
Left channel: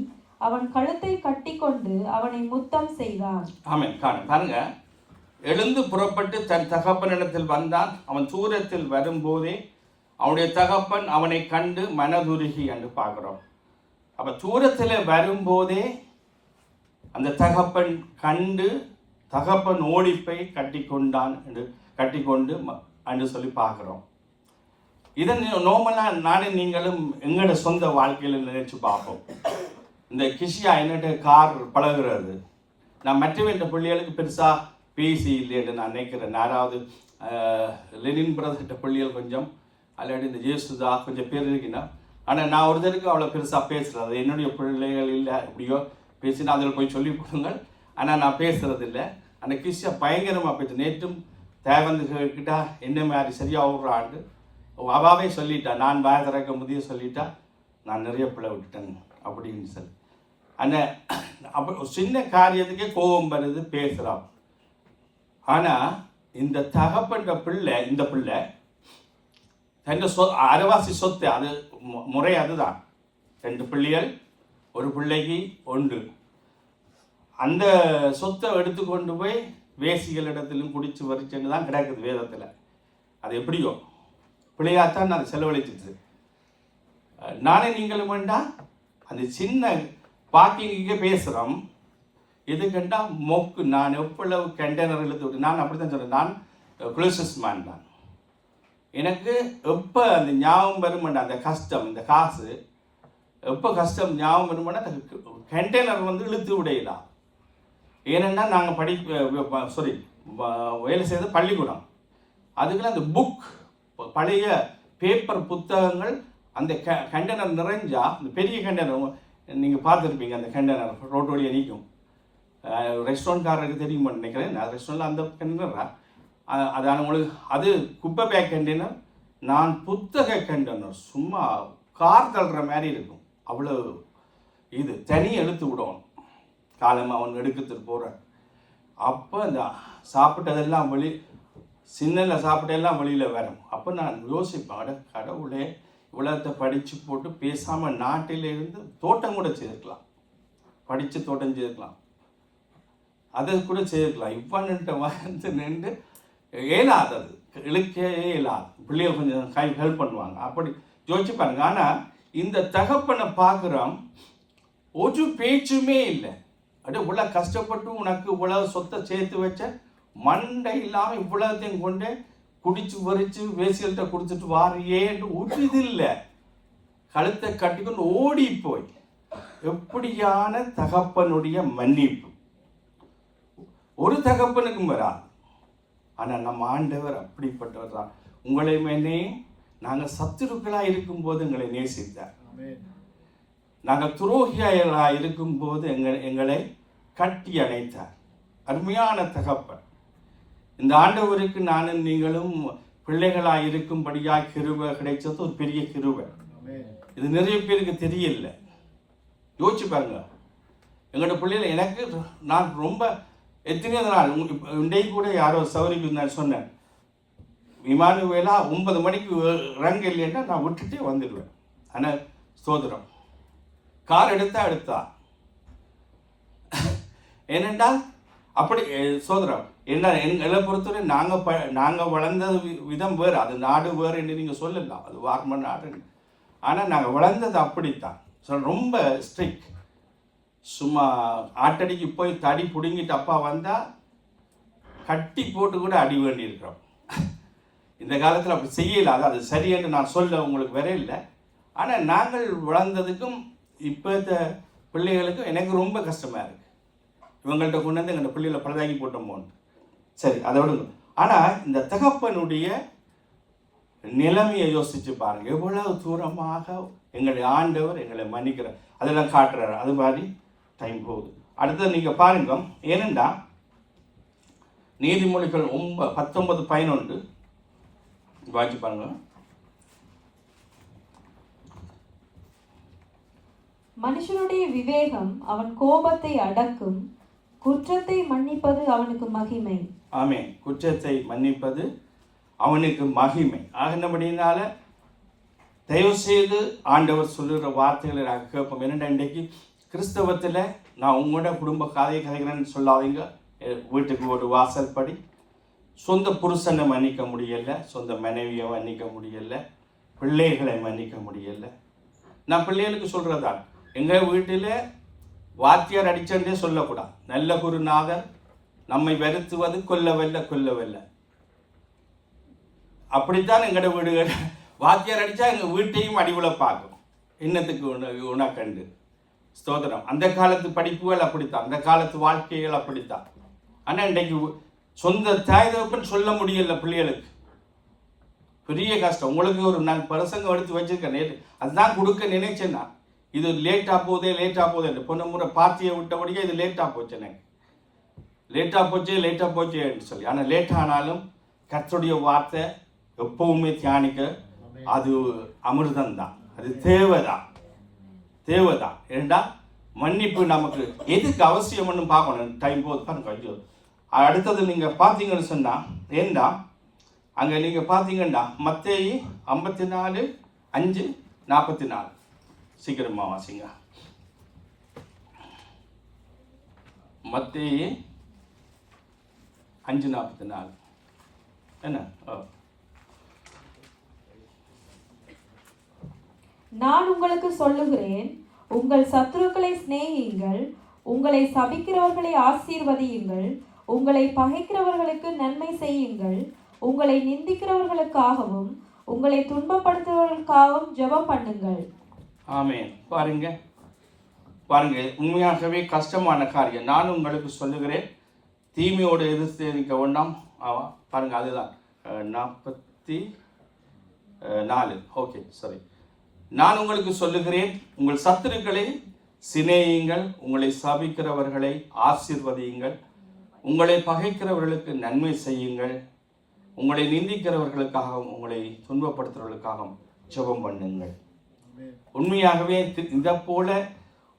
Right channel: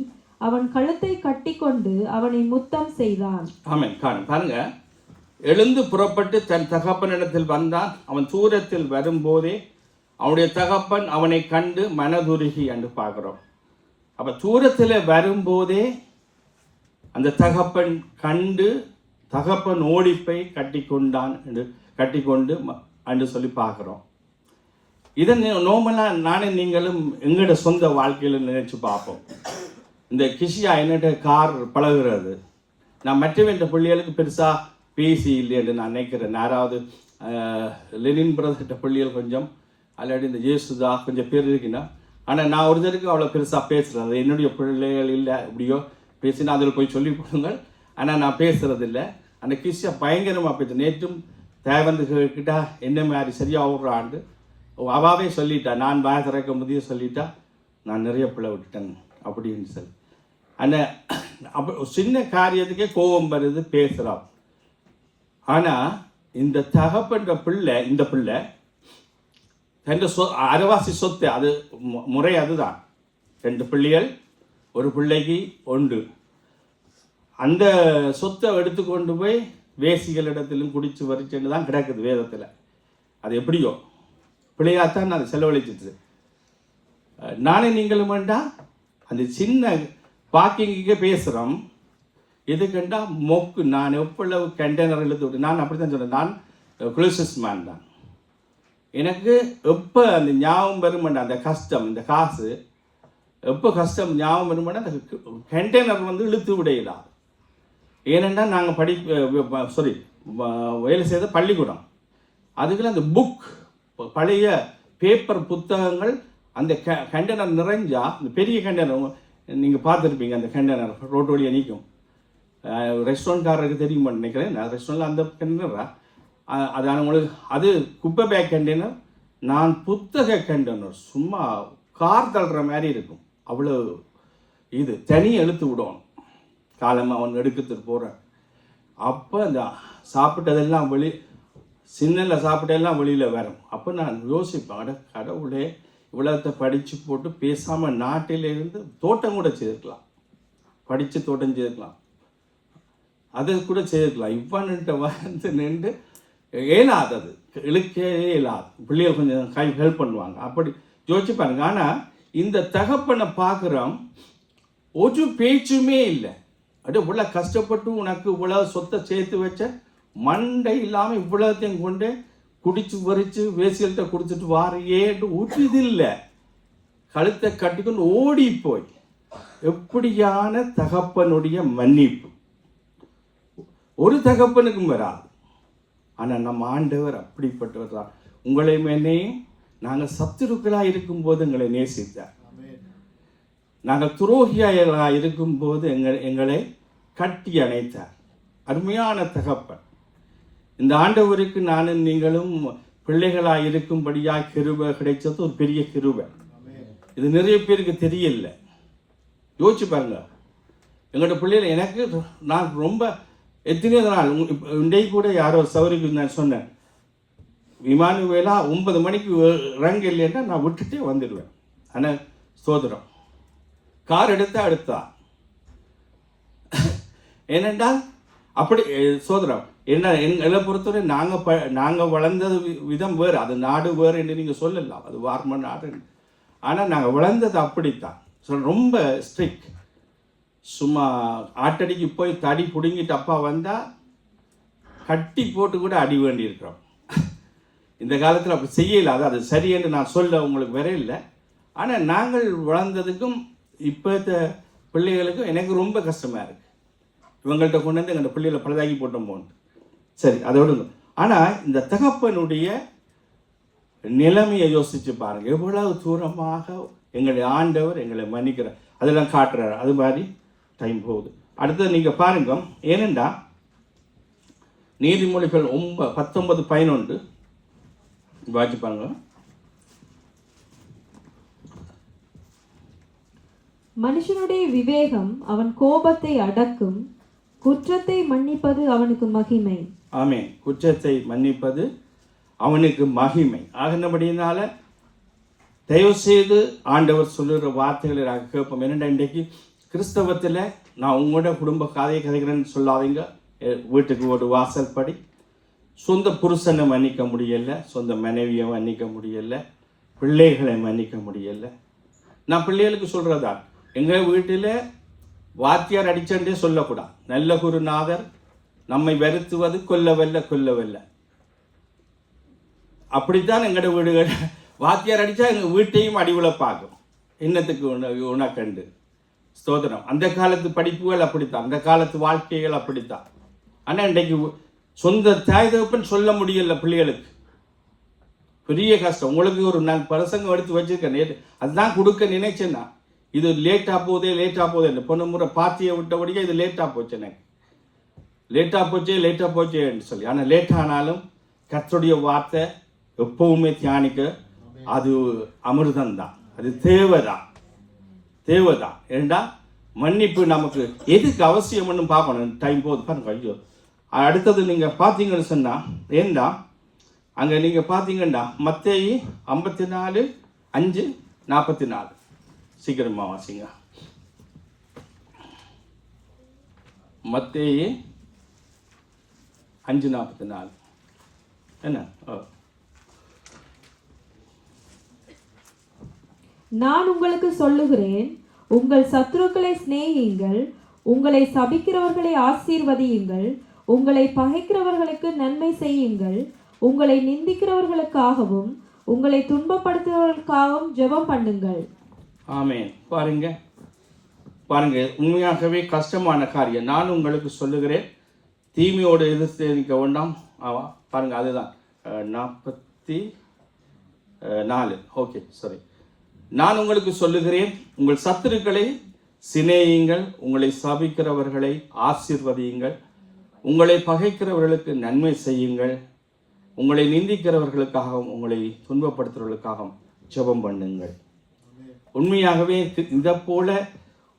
அவன் கழுத்தை கட்டிக்கொண்டு அவனை முத்தம் செய்தான். ஆமென். பாருங்க, எழுந்து புறப்பட்டு தன் தகப்பனிடத்தில் வந்தான். அவன் தூரத்தில் வரும்போதே அவனுடைய தகப்பன் அவனை கண்டு மனதுருகி என்று பார்க்கிறோம். அப்ப தூரத்தில் வரும்போதே அந்த தகப்பன் கண்டு தகப்பன் ஓடிப்பை கட்டிக்கொண்டு என்று சொல்லி பார்க்குறோம். இதை நோமலாக நானே நீங்களும் எங்களோட சொந்த வாழ்க்கையில் நினைச்சு பார்ப்போம். இந்த கிஷியா என்னட்ட கார் பழகுறது, நான் மற்றவன்ற பிள்ளைகளுக்கு பெருசாக பேசி இல்லைன்னு நான் நினைக்கிறேன். யாராவது லெனின் பிரதர்கிட்ட பிள்ளைகள் கொஞ்சம், அல்லாடி இந்த ஜேசுதா கொஞ்சம் பேர் இருக்குன்னா, ஆனால் நான் ஒருத்தருக்கு அவ்வளோ பெருசாக பேசுகிறது, அது என்னுடைய பிள்ளைகள் இல்லை, இப்படியோ பேசினா அதில் போய் சொல்லி கொடுங்கள். ஆனால் நான் பேசுறது இல்லை. அந்த கிஷியா பயங்கரமாக போயிட்டு நேற்றும் தேவந்து கிட்டா என்ன மாதிரி சரியாக ஓடுறாண்டு அவாவே சொல்லிட்டா, நான் வாய திறக்க முதிய சொல்லிட்டா, நான் நிறைய பிள்ளை விட்டுட்டேன் அப்படின்னு சொல்லி. அந்த அப்போ சின்ன காரியத்துக்கே கோபம் வருது, பேசுகிறான். ஆனால் இந்த தகப்பன்ற பிள்ளை, இந்த பிள்ளை தன் அரைவாசி சொத்து, அது முறை அதுதான். 2 பிள்ளைகள், ஒரு பிள்ளைக்கு 1. அந்த சொத்தை எடுத்துக்கொண்டு போய் வேசிகளிடத்திலும் குடிச்சு வரிச்சுன்னு தான் கிடக்குது வேதத்தில். அது எப்படியோ பிள்ளையாத்தான் அதை செலவழிச்சிட்டு. நானே நீங்களும் வேண்டாம் அந்த சின்ன பாக்கிங்கே பேசுகிறோம். எதுக்கண்டா மொக்கு, நான் எவ்வளவு கண்டெய்னர் இழுத்து விட்டு, நான் அப்படி தான் சொல்கிறேன். நான் குளோசஸ் மேன் தான். எனக்கு எப்போ அந்த ஞாபகம் வருமெண்டா, அந்த கஷ்டம், இந்த காசு எப்போ கஷ்டம் ஞாபகம் வருமெண்டா, அந்த கண்டெய்னர் வந்து இழுத்து விடையலாம். ஏனென்னா நாங்கள் வேலை செய்த பள்ளிக்கூடம், அதுக்கெல்லாம் அந்த புக், பழைய பேப்பர் புத்தகங்கள், அந்த கண்டெய்னர் நிறைஞ்சா, அந்த பெரிய கண்டெய்னர் நீங்கள் பார்த்துருப்பீங்க, அந்த கண்டெய்னர் ரோட்டு வழியாக நீக்கும். ரெஸ்டாரண்ட்காரருக்கு தெரியுமா நினைக்கிறேன். நான் ரெஸ்டாரண்ட்டில் அந்த கண்டெய்னரா அது உங்களுக்கு, அது குப்பை பேக் கண்டெய்னர், நான் புத்தக கண்டெய்னர், சும்மா கார் தள்ளுற மாதிரி இருக்கும். அவ்வளோ இது தனி எழுத்து விடும். காலமாக அவன் எடுக்கிறதுக்கு போகிறான். அப்போ அந்த சாப்பிட்டதெல்லாம் சின்னல சாப்பிட்டதெல்லாம் வெளியில் வரும். அப்போ நான் யோசிப்பேன், கடவுளே இவ்வளோத்தை படித்து போட்டு பேசாமல் நாட்டிலிருந்து தோட்டம் கூட செய்திருக்கலாம், படித்து தோட்டம் செய்திருக்கலாம், அதை கூட செய்திருக்கலாம். இவ்வளோன்ட்டு வந்து நின்று இயலாதது, இழுக்கே இயலாது. பிள்ளைகள் கொஞ்சம் ஹெல்ப் பண்ணுவாங்க, அப்படி யோசிச்சு பாருங்க. ஆனால் இந்த தகப்பனை பார்க்குறோம், ஒரு பேச்சுமே இல்லை. அப்படியே இவ்வளோ கஷ்டப்பட்டு உனக்கு இவ்வளவு சொத்தை சேர்த்து வச்ச, மண்டை இல்லாமல் இவ்வளோத்தையும் கொண்டு குடிச்சு வரிச்சு வேசியல்கிட்ட கொடுத்துட்டு வாரையேன்னு ஊற்றுது இல்லை, கழுத்தை கட்டிக்கொண்டு ஓடி போய். எப்படியான தகப்பனுடைய மன்னிப்பு ஒரு தகப்பனுக்கும் வராது. ஆனால் நம்ம ஆண்டவர் அப்படிப்பட்டவர் தான். உங்களை மேலே நாங்கள் சத்துருக்களாக இருக்கும்போது எங்களை நேசித்தார். நாங்கள் துரோகியாக இருக்கும்போது எங்களை கட்டி அணைத்தார். அருமையான தகப்பன். இந்த ஆண்டவருக்கு நானும் நீங்களும் பிள்ளைகளாக இருக்கும்படியாக கிருபை கிடைச்சது ஒரு பெரிய கிருபை. இது நிறைய பேருக்கு தெரியல. யோசிச்சு பாருங்க. எங்களோட பிள்ளைகள் எனக்கு நான் ரொம்ப எத்தனையோ நாள் இன்றைக்கு கூட யாரோ சௌரிக்கு நான் சொன்னேன், இமானுவேலா 9 மணிக்கு இறங்க இல்லைன்னா நான் விட்டுட்டே வந்துடுவேன். ஆனால் ஸ்தோத்திரம், கார் எடுத்தா ஏனென்றால் அப்படி சோதரம் என்ன எங்களை பொறுத்தவரை நாங்கள் வளர்ந்தது விதம் வேறு, அது நாடு வேறு என்று நீங்கள் சொல்லலாம், அது வார்ம நாடு. ஆனால் நாங்கள் வளர்ந்தது அப்படித்தான். ரொம்ப ஸ்ட்ரிக்ட். சும்மா ஆட்டடிக்கு போய் தடி பிடுங்கிட்டு அப்பா வந்தால் கட்டி போட்டு கூட அடி வேண்டியிருக்கிறோம். இந்த காலத்தில் அப்படி செய்யல. அது சரியென்று நான் சொல்ல உங்களுக்கு வேற இல்லை. ஆனால் நாங்கள் வளர்ந்ததுக்கும் இப்போ பிள்ளைகளுக்கும் எனக்கு ரொம்ப கஷ்டமாக இருக்குது. இவங்கள்ட்ட கொண்டு வந்து எங்கள் பிள்ளைகளை பழுதாக்கி போட்டோம் போன்னு. சரி, அதை விடுங்க. ஆனால் இந்த தகப்பனுடைய நிலைமையை யோசித்து பாருங்கள், எவ்வளவு தூரமாக எங்களுடைய ஆண்டவர் எங்களை மன்னிக்கிறார், அதெல்லாம் காட்டுறாரு. அது மாதிரி டைம் போகுது. அடுத்தது நீங்கள் பாருங்க, ஏனென்றா நீதிமொழிகள் 19:11 வாட்சி பாருங்க. மனுஷனுடைய விவேகம் அவன் கோபத்தை அடக்கும், குற்றத்தை மன்னிப்பது அவனுக்கு மகிமை. ஆமென். குற்றத்தை மன்னிப்பது அவனுக்கு மகிமை. ஆகினபடினால தயவு செய்து ஆண்டவர் சொல்லுகிற வார்த்தைகளை நாங்கள் கேட்போம். என்னென்ன இன்றைக்கு கிறிஸ்தவத்தில் நான் உங்களோட குடும்ப கதையை கதைக்கிறேன்னு சொல்லாதீங்க. வீட்டுக்கு ஒரு வாசல் படி சொந்த புருஷனை மன்னிக்க முடியலை, சொந்த மனைவியை மன்னிக்க முடியலை, பிள்ளைகளை மன்னிக்க முடியலை. நான் பிள்ளைகளுக்கு சொல்கிறதா, எங்கள் வீட்டில் வாத்தியார் அடிச்சண்டே சொல்லக்கூடாது. நல்ல குருநாதர் நம்மை வருத்துவது கொல்லவல்ல. அப்படித்தான் எங்களோட வீடுகள். வாத்தியார் அடித்தா எங்கள் வீட்டையும் அடிவுல பார்க்கும். இன்னத்துக்கு உனக்கண்டு ஸ்தோத்திரம். அந்த காலத்து படிப்புகள் அப்படித்தான், அந்த காலத்து வாழ்க்கைகள் அப்படித்தான். ஆனால் இன்றைக்கு சொந்த தாய் தகப்பன் சொல்ல முடியல பிள்ளைகளுக்கு. பெரிய கஷ்டம். உங்களுக்கு ஒரு நான் பிரசங்கம் எடுத்து வச்சிருக்கேன், அதுதான் கொடுக்க நினைச்சேன்னா இது லேட்டாக போகுதே இல்லை. போன முறை பாத்தியை விட்டபடியே இது லேட்டாக போச்சு. எனக்கு லேட்டாக போச்சேன்னு சொல்லி. ஆனால் லேட் ஆனாலும் கர்த்தருடைய வார்த்தை எப்பவுமே தியானிக்க அது அமிர்தம்தான், அது தேவைதான். ஏண்டா மன்னிப்பு நமக்கு எதுக்கு அவசியம்னு பார்க்கணும். டைம் போகுது பாருங்க. ஐயோ, அடுத்தது நீங்கள் பார்த்தீங்கன்னு சொன்னால் ஏண்டா அங்கே நீங்கள் பார்த்தீங்கன்னா மத்தேயு 54:5-44 சீக்கிரமா வாசிங்க. மத்தேயு 5:44 என்ன? நான் உங்களுக்கு சொல்லுகிறேன், உங்கள் சத்துருக்களை சிநேகியுங்கள், உங்களை சபிக்கிறவர்களை ஆசீர்வதியுங்கள், உங்களை பகைக்கிறவர்களுக்கு நன்மை செய்யுங்கள், உங்களை நிந்திக்கிறவர்களுக்காகவும் உங்களை துன்பப்படுத்துறவர்களுக்காகவும் ஜெபம் பண்ணுங்கள். ஆமென். பாருங்க, உண்மையாகவே கஷ்டமான காரியம். நான் உங்களுக்கு சொல்லுகிறேன், தீமையோடு எதிர்த்து நிற்க வேண்டாம். பாருங்க, அதுதான் 44. ஓகே, சரி. நான் உங்களுக்கு சொல்லுகிறேன், உங்கள் சத்துருக்களை சிநேகியுங்கள், உங்களை சபிக்கிறவர்களை ஆசீர்வதியுங்கள், உங்களை பகைக்கிறவர்களுக்கு நன்மை செய்யுங்கள், உங்களை நிந்திக்கிறவர்களுக்காகவும் உங்களை துன்பப்படுத்துறவர்களுக்காகவும் ஜெபம் பண்ணுங்கள். உண்மையாகவே இதை போல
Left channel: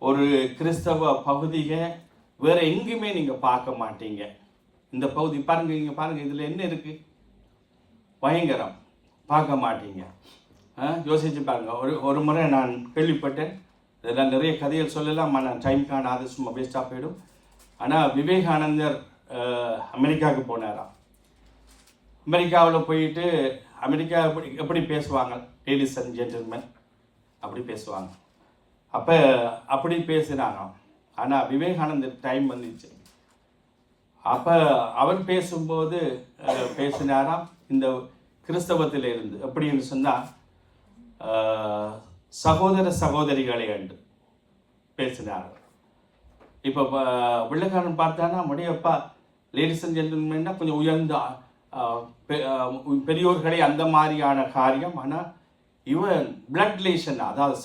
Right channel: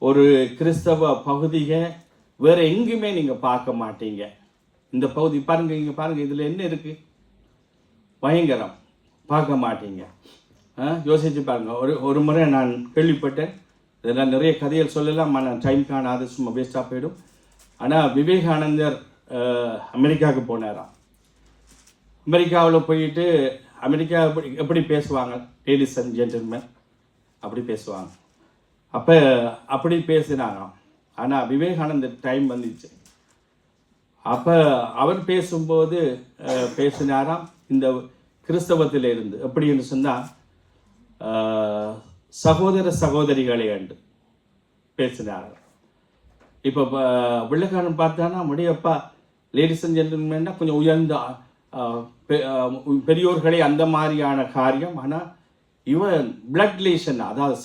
ஒரு கிறிஸ்தவ பகுதியை வேற எங்குமே நீங்க பார்க்க மாட்டீங்க. இந்த பகுதி பாருங்க, இங்க பாருங்க, இதுல என்ன இருக்கு? பயங்கரம். பார்க்க மாட்டீங்க. யோசிச்சு பாருங்க. ஒரு முறை நான் கேள்விப்பட்டேன், இதெல்லாம் நிறைய கதைகள் சொல்லலாம், நான் டைம் காணாது, சும்மா வேஸ்டாக போயிடும். ஆனால் விவேகானந்தர் அமெரிக்காவுக்கு போனாராம். அமெரிக்காவில் போயிட்டு அமெரிக்கா எப்படி பேசுவாங்க, லேடிஸ் அண்ட் ஜென்டில்மேன் அப்படி பேசுவாங்க. அப்போ அப்படி பேசினாங்க. ஆனால் விவேகானந்தர் டைம் வந்துச்சு. அப்போ அவர் பேசும்போது பேசினாராம் இந்த கிறிஸ்தவத்தில் இருந்து எப்படின்னு சொன்னால் சகோதர சகோதரிகளை கண்டு பேசினார். இப்போ வெள்ளைக்காரன் பார்த்தானா முடியப்பா லேடிஸ் அண்ட் ஜென்டில்மேன்னா கொஞ்சம் உயர்ந்த பெரியோர்களே அந்த மாதிரியான காரியம். ஆனால் இவன் பிளட் ரிலேஷன், அதாவது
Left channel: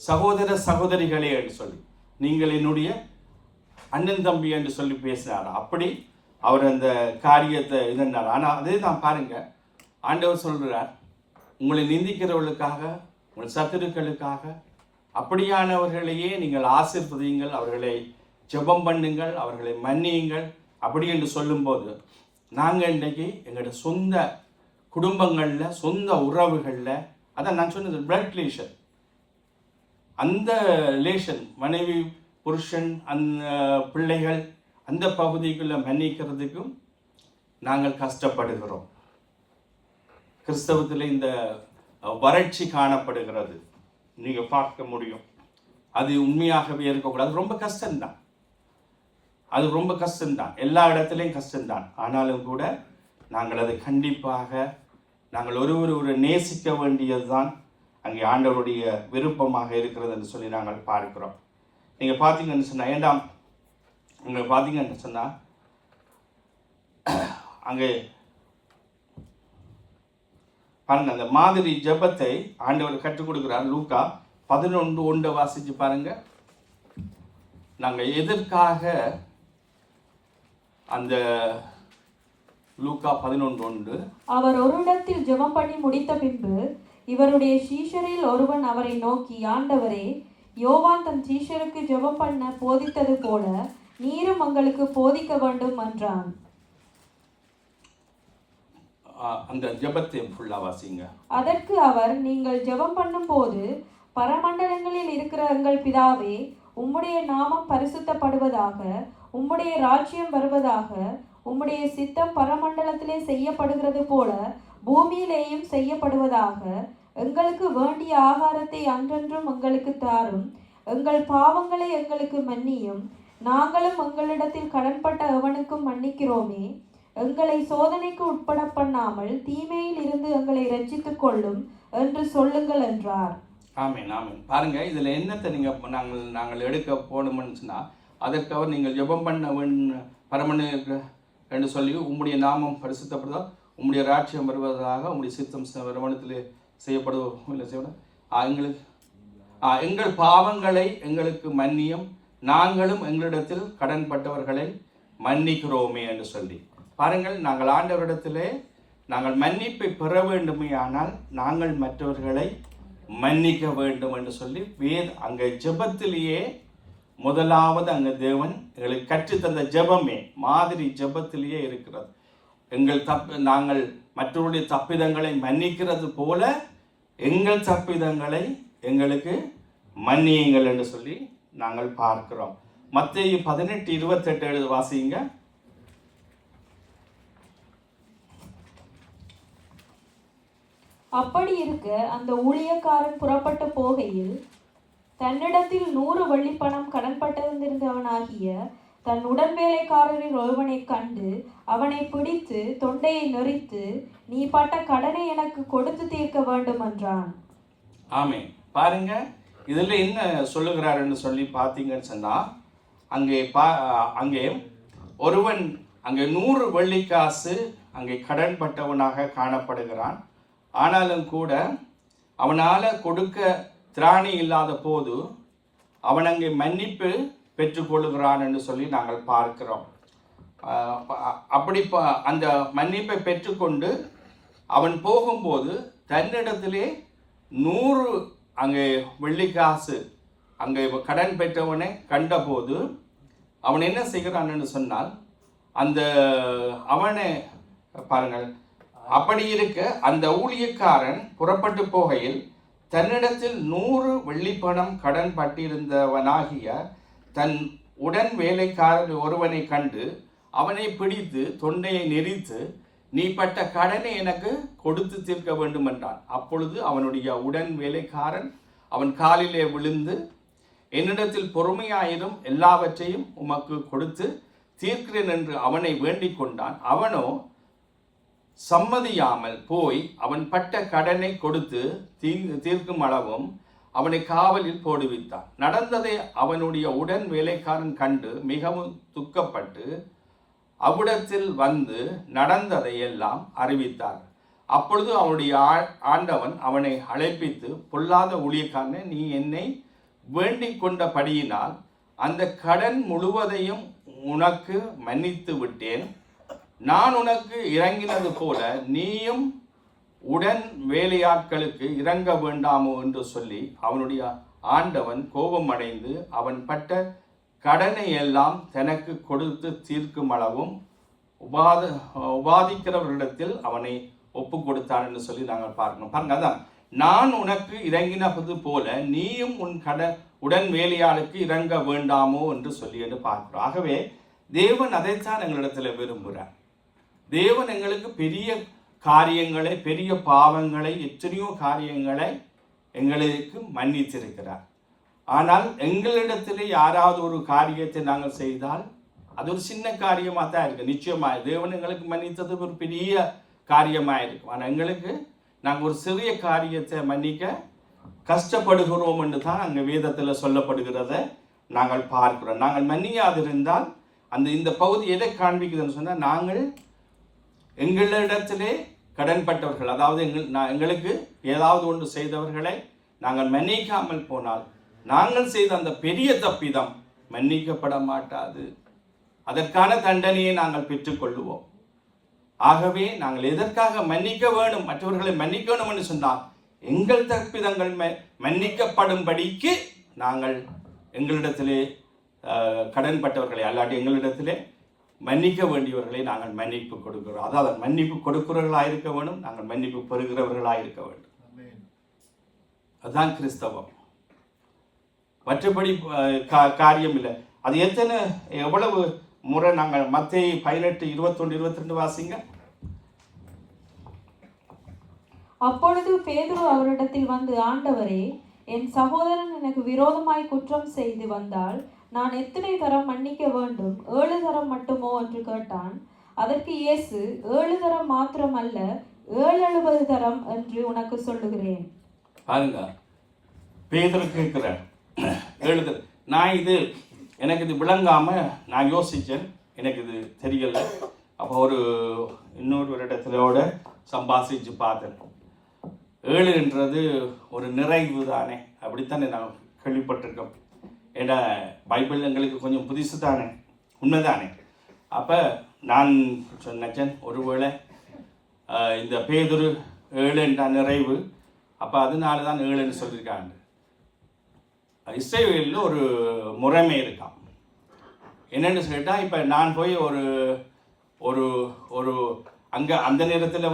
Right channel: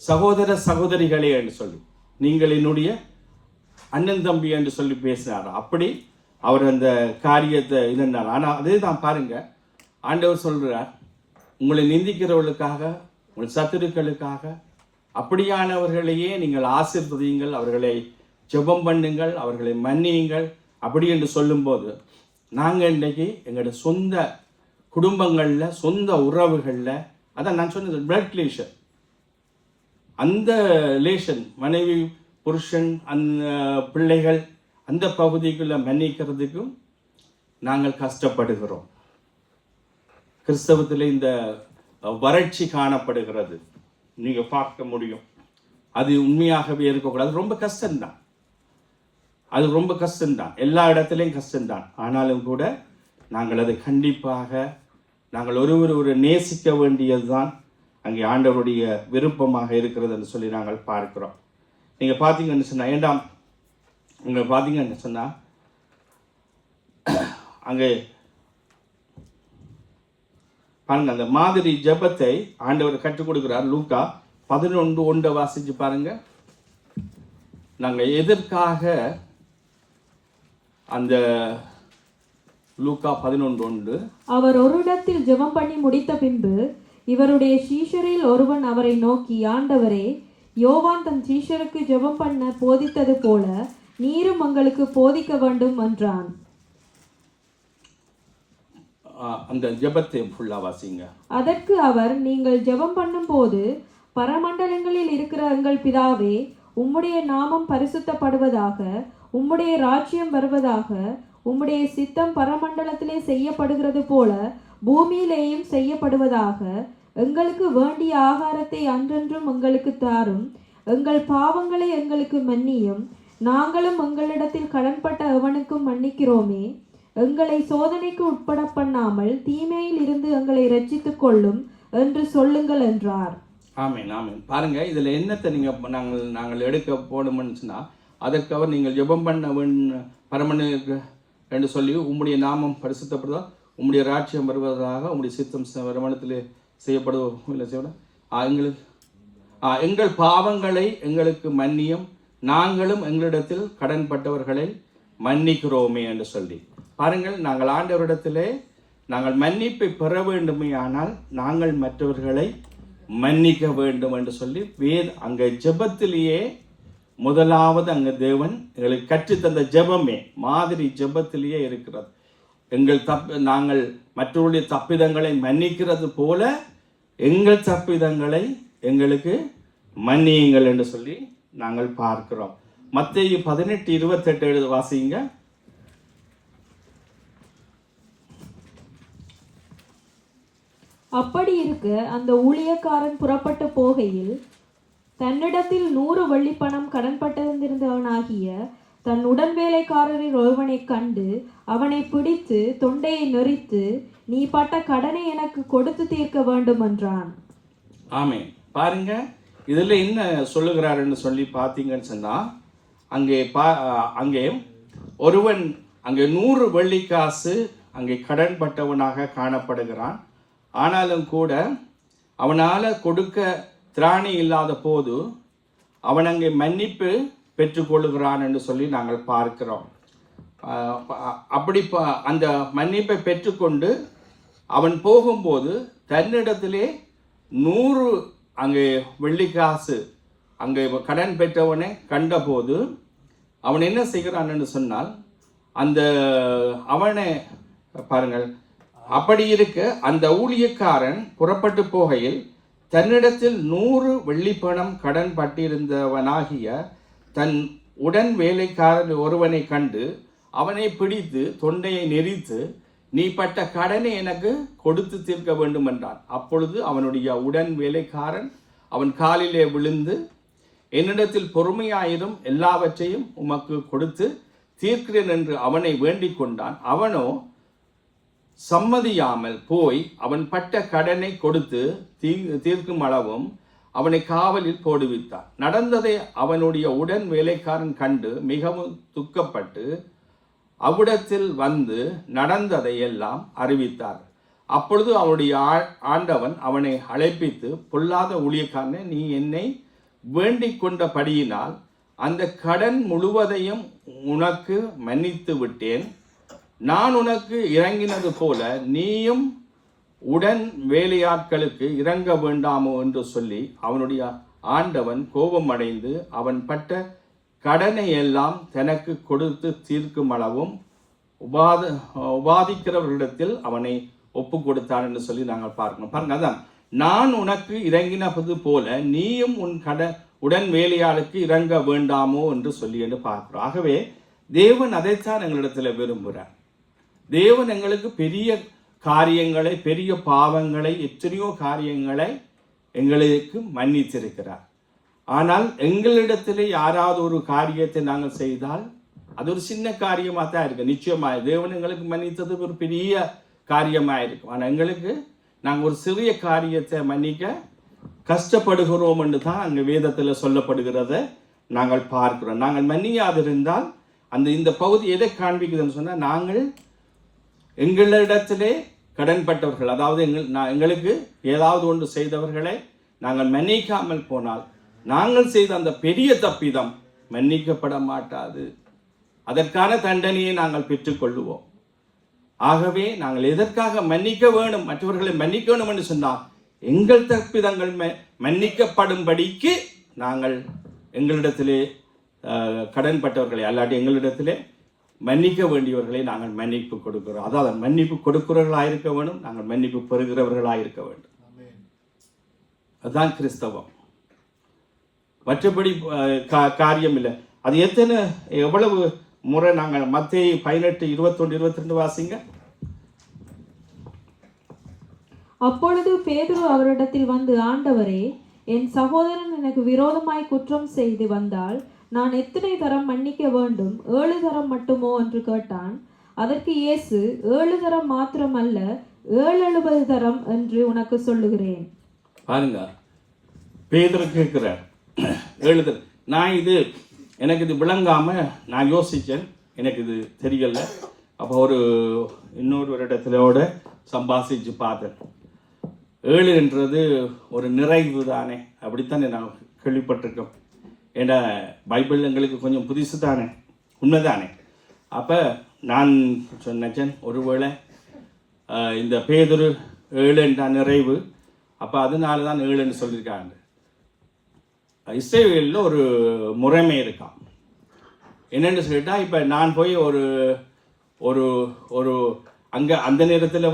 சகோதர சகோதரிகளே என்று சொல்லி, நீங்கள் என்னுடைய அண்ணன் தம்பி என்று சொல்லி பேசினார். அப்படி அவர் அந்த காரியத்தை இதனார். ஆனால் அதே தான் பாருங்க, ஆண்டவர் சொல்கிறார், உங்களை நிந்திக்கிறவர்களுக்காக, உங்கள் சத்துருக்களுக்காக அப்படியானவர்களையே நீங்கள் ஆசீர்வதியுங்கள், அவர்களை ஜெபம் பண்ணுங்கள், அவர்களை மன்னியுங்கள். அப்படி என்று சொல்லும்போது நாங்கள் இன்றைக்கி எங்களோட சொந்த குடும்பங்களில், சொந்த உறவுகளில், அதான் நான் சொன்னது பிளட் ரிலேஷன், அந்த ரிலேஷன், மனைவி புருஷன் அந்த பிள்ளைகள், அந்த பகுதிக்குள்ளே மன்னிக்கிறதுக்கும் நாங்கள் கஷ்டப்படுகிறோம். கிறிஸ்தவத்தில் இந்த வறட்சி காணப்படுகிறது, நீங்கள் பார்க்க முடியும். அது உண்மையாகவே இருக்கக்கூடாது. ரொம்ப கஷ்டம்தான், அது ரொம்ப கஷ்டம்தான், எல்லா இடத்துலையும் கஷ்டம்தான். ஆனாலும் கூட நாங்கள் அதை கண்டிப்பாக நாங்கள் ஒரு நேசிக்க வேண்டியது தான் அங்கே ஆண்டவருடைய விருப்பமாக இருக்கிறது என்று சொல்லி நாங்கள் பார்க்கிறோம். நீங்கள் பார்த்தீங்கன்னு சொன்னால், ஏண்டாம் உங்களை பார்த்தீங்கன்னு சொன்னால் அங்கே பாருங்க, அந்த மாதிரி ஜெபத்தை ஆண்டவர் கற்றுக் கொடுக்கிறார். லூக்கா 11:1 வாசிச்சு பாருங்க. நாங்கள் எதற்காக அந்த லூக்கா 11:1, அவர் ஒரு இடத்தில் ஜெபம் பண்ணி முடித்த பின்பு இவருடைய சீஷரில் ஒருவன் அவரை நோக்கி, ஆண்டவரே, யோவான் தன் சீஷருக்கு ஜெபம் பண்ண போதித்தது போல நீரும் உங்களுக்கு போதிக்க வேண்டும் என்றான். அந்த ஜெபத்தை ஃபுல்லா வாசிங்க. அதற்கு அவர், நீங்கள் ஜெபம் பண்ணும் போது, பரமண்டலங்களில் இருக்கிற எங்கள் பிதாவே, உம்முடைய நாமம் பரிசுத்தப்படுவதாக, உம்முடைய ராஜ்யம் வருவதாக, உம்முடைய சித்தம் பரமண்டலத்திலே செய்யப்படுகிறது போல பூமியிலேயும் செய்யப்படுவதாக, எங்களுக்கு வேண்டிய ஆகாரத்தை அன்றென்றும் எங்களுக்கு தாரும், எங்கள் பாவங்களை எங்களுக்கு மன்னியும், நாங்களும் எங்களிடத்தில் கடன்பட்ட எவனுக்கும் மன்னிக்கிறோமே, எங்களை சோதனைக்கு உட்பட பண்ணாமல் தீமையில் இருந்து எங்களை ரட்சித்துக் கொள்ளும் என்று சொல்லுங்கள் என்றார். ஆமென், ஆமென். பாருங்க, இதுல என்னத்தை நீங்க நாங்கள் எடுக்க போகணும்னு சொன்னா, அதற்கு அவர் நீங்கள் ஜெபம் பண்ண பரமனு என்று சொல்லி, உம்முடைய நாமம் பரிசுத்தப்படுவதா, உம்முடைய ராட்சியம் வருவதாக, உம்முடைய சித்தம் வருமானத்திலே செய்யப்படுவோம், எங்கள் பாவங்களை எங்களுக்கு மன்னியும், நாங்களும் எங்களிடத்தில் கடன்பட்டவர்களை மன்னிக்கிறோமே என்று சொல்லி பாருங்கள். நாங்கள் ஆண்டவரிடத்திலே நாங்கள் மன்னிப்பை பெற வேண்டுமே, ஆனால் நாங்கள் மற்றவர்களை மன்னிக்க வேண்டும் என்று சொல்லி அங்கே ஜெபத்திலேயே முதலாவது அங்கே தேவன் எங்களுக்கு கற்றுத்தந்த ஜெபமே மாதிரி ஜெபத்திலேயே இருக்கிறது. நாங்கள் மற்றவருடைய தப்பிதங்களை மன்னிக்கிறது போல எங்கள் தப்பிதங்களை எங்களுக்கு மன்னியுங்கள் என்று சொல்லி நாங்கள் பார்க்கிறோம். மத்தேயு 18:28 வாசிங்க. அப்படி இருக்க அந்த ஊழியக்காரன் புறப்பட்டு போகையில் தன்னிடத்தில் 100 வெள்ளிப்பணம் கடன்பட்டிருந்தவனாகிய தன் உடன் வேலைக்காரரில் ஒருவனை கண்டு அவனை பிடித்து தொண்டையை நெரித்து, நீ பட்ட கடனை எனக்கு கொடுத்து தீர்க்க வேண்டும் என்றான். ஆமென். பாருங்க, இதுல என்ன சொல்லுகிறாருன்னு சொல்லி பார்த்தீங்கன்னு சொன்னா, அங்கே ஒருவன் அங்கே 100 வெள்ளிக்காசு அங்கே கடன்பட்டவனாக காணப்படுகிறான். ஆனாலும் கூட அவனால் கொடுக்க திராணி இல்லாத போது அவன் அங்கே மன்னிப்பு பெற்றுக்கொள்ளுகிறான் என்று சொல்லி நாங்கள் பார்க்கிறோம். அப்படி அந்த மன்னிப்பை பெற்றுக்கொண்டு அவன் போகும்போது தன்னிடத்திலே 100 அங்கே வெள்ளிக்காசு அங்கே கடன் பெற்றவனை கண்டபோது அவன் என்ன செய்கிறான் என்று சொன்னால், அவனை பாருங்கள், அப்படி இருக்க அந்த ஊழியக்காரன் புறப்பட்டு போகையில் தன்னிடத்தில் 100 வெள்ளிப்பணம் கடன் பட்டிருந்தவனாகிய தன் உடன் வேலைக்காரர் ஒருவனை கண்டு அவனை பிடித்து தொண்டையை நெரித்து, நீ பட்ட கடனை எனக்கு கொடுத்து தீர்க்க வேண்டும் என்றான். அப்பொழுது அவனுடைய உடன் வேலைக்காரன் அவன் காலிலே விழுந்து, என்னிடத்தில் பொறுமையாயிரும், எல்லாவற்றையும் உமக்கு கொடுத்து தீர்க்கிறேன் என்று அவனை வேண்டிக் கொண்டான். அவனோ சம்மதியாமல் போய் அவன் பட்ட கடனை கொடுத்து தீர்க்கும் அளவும் அவனை காவலில் போடுவித்தான். நடந்ததை அவனுடைய உடன் வேலைக்காரன் கண்டு மிகவும் துக்கப்பட்டு அவ்விடத்தில் வந்து நடந்ததை எல்லாம் அறிவித்தார். அப்பொழுது அவனுடைய ஆண்டவன் அவனை அழைப்பித்து, பொல்லாத ஊழியக்காரனே, நீ என்னை வேண்டிக் கொண்டபடியினால் அந்த கடன் முழுவதையும் உனக்கு மன்னித்து விட்டேன். நான் உனக்கு இறங்கினது போல நீயும் உடன் வேலையாட்களுக்கு இறங்க வேண்டாமோ என்று சொல்லி அவனுடைய ஆண்டவன் கோபம் அடைந்து அவன் பட்ட கடனை எல்லாம் தனக்கு கொடுத்து தீர்க்கும் அளவும் உபாதிக்கிறவர்களிடத்தில் அவனை ஒப்பு கொடுத்தான் என்று சொல்லி நாங்கள் பார்க்கணும். பாருங்க, அதான் நான் உனக்கு இறங்கினது போல நீயும் உடன் வேலையாளுக்கு இறங்க வேண்டாமோ என்று சொல்லி என்று பார்க்கிறோம். ஆகவே தேவன் அதைத்தான் எங்களிடத்தில் விரும்புகிறார். தேவன் எங்களுக்கு பெரிய காரியங்களை, பெரிய பாவங்களை, எத்தனையோ காரியங்களை எங்களுக்கு மன்னித்திருக்கிறார். ஆனால் எங்களிடத்திலே யாராவது ஒரு காரியத்தை நாங்கள் செய்தால் அது ஒரு சின்ன காரியமாக தான் இருக்கு. நிச்சயமாக தேவன் எங்களுக்கு மன்னித்தது ஒரு பெரிய காரியமாக இருக்கும். ஆனால் எங்களுக்கு நாங்கள் ஒரு சிறிய காரியத்தை மன்னிக்க கஷ்டப்படுகிறோம் என்று தான் அங்கே வேதத்தில் சொல்லப்படுகிறத நாங்கள் பார்க்கிறோம். நாங்கள் மன்னியாதிருந்தால் இந்த பகுதி எதை காண்பிக்குதுன்னு சொன்னால், நாங்கள் எங்களிடத்திலே கடன்பட்டவர்கள், அதாவது எங்களுக்கு ஏதாவது ஒன்று செய்தவர்களை நாங்கள் மன்னிக்காமல் போனால் நாங்கள் செய்த அந்த பெரிய தப்பிதம் மன்னிக்கப்பட மாட்டாது. அதற்கான தண்டனையை நாங்கள் பெற்றுக்கொள்ளுவோம். ஆகவே நாங்கள் எதற்காக மன்னிக்க வேணும், மற்றவர்களை மன்னிக்க வேணும் என்று சொன்னால் எங்கள் தப்பிதங்கள் மன்னிக்கப்படும்படிக்கு நாங்கள் எங்களிடத்திலே கடன்பட்டவர்களை அல்லாட்டி எங்களிடத்திலே மன்னிக்க வேண்டியவர்களை நாங்கள் மன்னிப்பு கொடுக்கிறோம். அதாவது மன்னிப்பு கொடுக்கிறவர்களாக இருக்க வேண்டும், நாங்கள் மன்னிப்பு பெறுகிறவர்களாக இருக்க வேண்டும். அதுதான் கிறிஸ்தவம். மற்றபடி காரியம் இல்லை. அது எவ்வளவு முறை நாங்கள் மத்தேயு 18:21-22 வாசிங்க. அப்பொழுது பேதுரு அவரிடத்தில் வந்து, ஆண்டவரே, என் சகோதரன் எனக்கு விரோதமாய் குற்றம் செய்து வந்தால் நான் எத்தனை தரம் மன்னிக்க வேண்டும்? 7 தரம் மட்டுமோ என்று கேட்டான். அதற்கு இயேசு, 7 தரம் மாத்திரமல்ல, 770 தரம் என்று உனக்கு சொல்லுகிறேன். பாருங்க, பேதுரு கேட்கிறேன் 7 தரம். நான் எனக்கு இது விளங்காம நான் யோசிச்சேன், எனக்கு இது தெரியல. அப்போ இன்னொரு இடத்திலோட சம்பாசிச்சு பார்த்தேன். 7 ஒரு நிறைவு தானே, அப்படித்தானே நான் கேள்விப்பட்டிருக்கோம். ஏன்னா பைபிள் எங்களுக்கு கொஞ்சம் புதுசு தானே, உண்மைதானே. அப்போ நான் சொன்னேன், ஒருவேளை இந்த பேதுரு 7 நிறைவு, அப்போ அதனால தான் 7 சொல்லியிருக்காங்க. இஸ்ரவேலில் ஒரு முறைமை இருக்கான். என்னென்னு சொல்லிட்டா, இப்போ நான் போய் ஒரு ஒரு அங்கே அந்த நேரத்தில்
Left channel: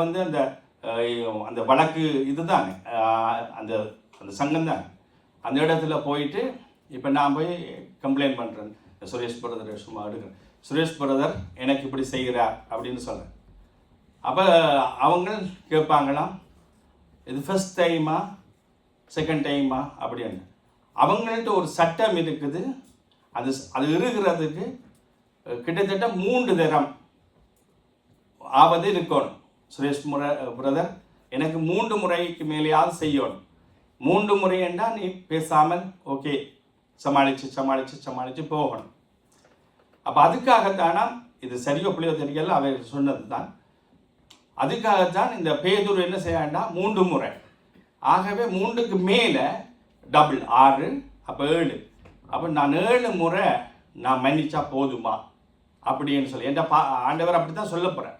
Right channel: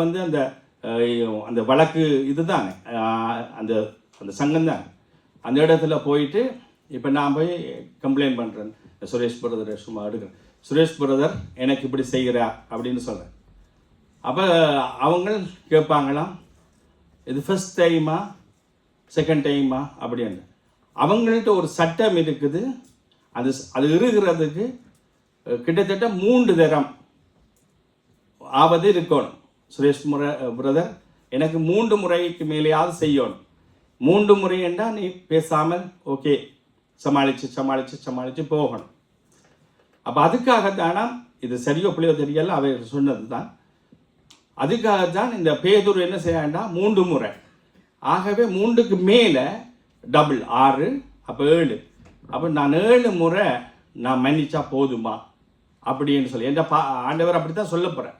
அந்த வழக்கு இதுதானே, அந்த அந்த சங்கம் தான். அந்த இடத்துல போயிட்டு இப்போ நான் போய் கம்ப்ளைண்ட் பண்ணுறேன், சுரேஷ் பிரதர் சும்மா எடுக்கிறேன், சுரேஷ் பிரதர் எனக்கு இப்படி செய்கிறா அப்படின்னு சொல்கிறேன். அப்போ அவங்க கேட்பாங்களாம், இது ஃபர்ஸ்ட் டைமா செகண்ட் டைமா அப்படின்னு. அவங்கள்ட்ட ஒரு சட்டம் இருக்குது, அது இருக்கிறதுக்கு கிட்டத்தட்ட 3 தரம் ஆவது இருக்கணும். சுரேஷ் பிரதர் எனக்கு 3 முறைக்கு மேலேயாவது செய்யணும். 3 முறை என்றால் நீ பேசாமல் ஓகே சமாளித்து போகணும். அப்போ அதுக்காகத்தானா, இது சரியோ பிள்ளையோ தெரியல, அவர் சொன்னது தான். அதுக்காகத்தான் இந்த பேதுரு என்ன செய்யாண்டா 3 முறை. ஆகவே 3க்கு மேலே டபுள் 6, அப்போ 7. அப்போ நான் 7 முறை நான் மன்னிச்சா போதுமா அப்படின்னு சொல்லி என்ற ஆண்டவர் அப்படி தான் சொல்ல போகிறேன்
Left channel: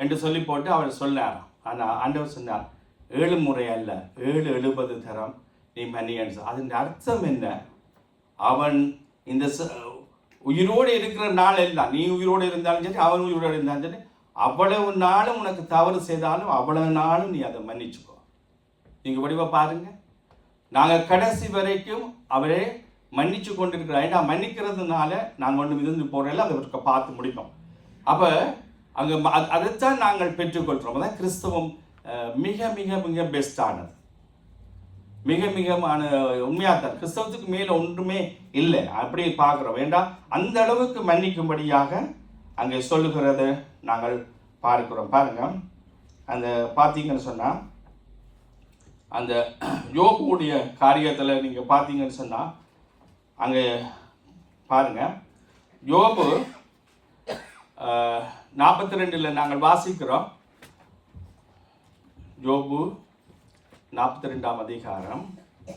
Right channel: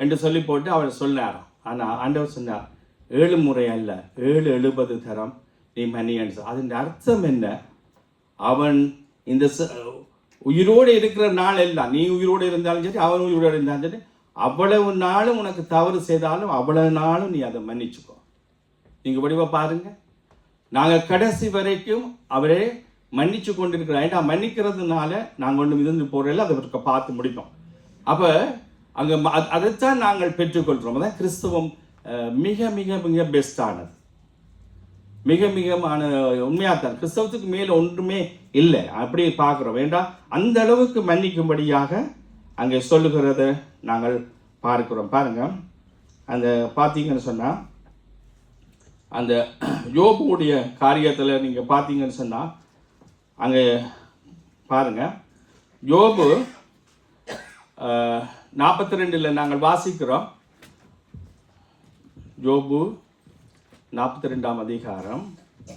என்று சொல்லி போட்டு அவர் சொன்னார். ஆனால் ஆண்டவர் சொன்னார் 7 முறை அல்ல, 770 தரம் நீ மன்னின்னு. அதன் அர்த்தம் என்ன? அவன் இந்த உயிரோடு இருக்கிற நாள் எல்லாம், நீ உயிரோடு இருந்தாலும் சரி, அவன் உயிரோடு இருந்தாலும் சரி, அவ்வளவு நாளும் உனக்கு தவறு செய்தாலும் அவ்வளவு நாளும் நீ அதை மன்னிச்சுக்கோ. நீங்கள் வடிவா பாருங்க, நாங்கள் கடைசி வரைக்கும் அவரே மன்னிச்சு கொண்டிருக்கிறோம். ஏன்னா மன்னிக்கிறதுனால நாங்கள் ஒன்றும் இருந்து போகிறதில்ல, அதை பார்த்து முடிப்போம். அப்போ அங்கே அதைத்தான் நாங்கள் பெற்றுக்கொள்கிறோம். அதான் கிறிஸ்தவம் மிக மிக மிக பெஸ்டானது, மிக மிகமான உண்மையாக தான். கிறிஸ்தவத்துக்கு மேலே ஒன்றுமே இல்லை, அப்படி பார்க்குறோம். வேண்டாம், அந்த அளவுக்கு மன்னிக்கும்படியாக அங்கே சொல்லுகிறத நாங்கள் பார்க்கிறோம். பாருங்க, அந்த பார்த்தீங்கன்னு சொன்னால், அந்த யோபுடைய காரியத்தில் நீங்கள் பார்த்தீங்கன்னு சொன்னால், அங்கே பாருங்க, யோபு 42 நாங்கள் வாசிக்கிறோம். யோபு 42ஆம் அதிகாரம் 42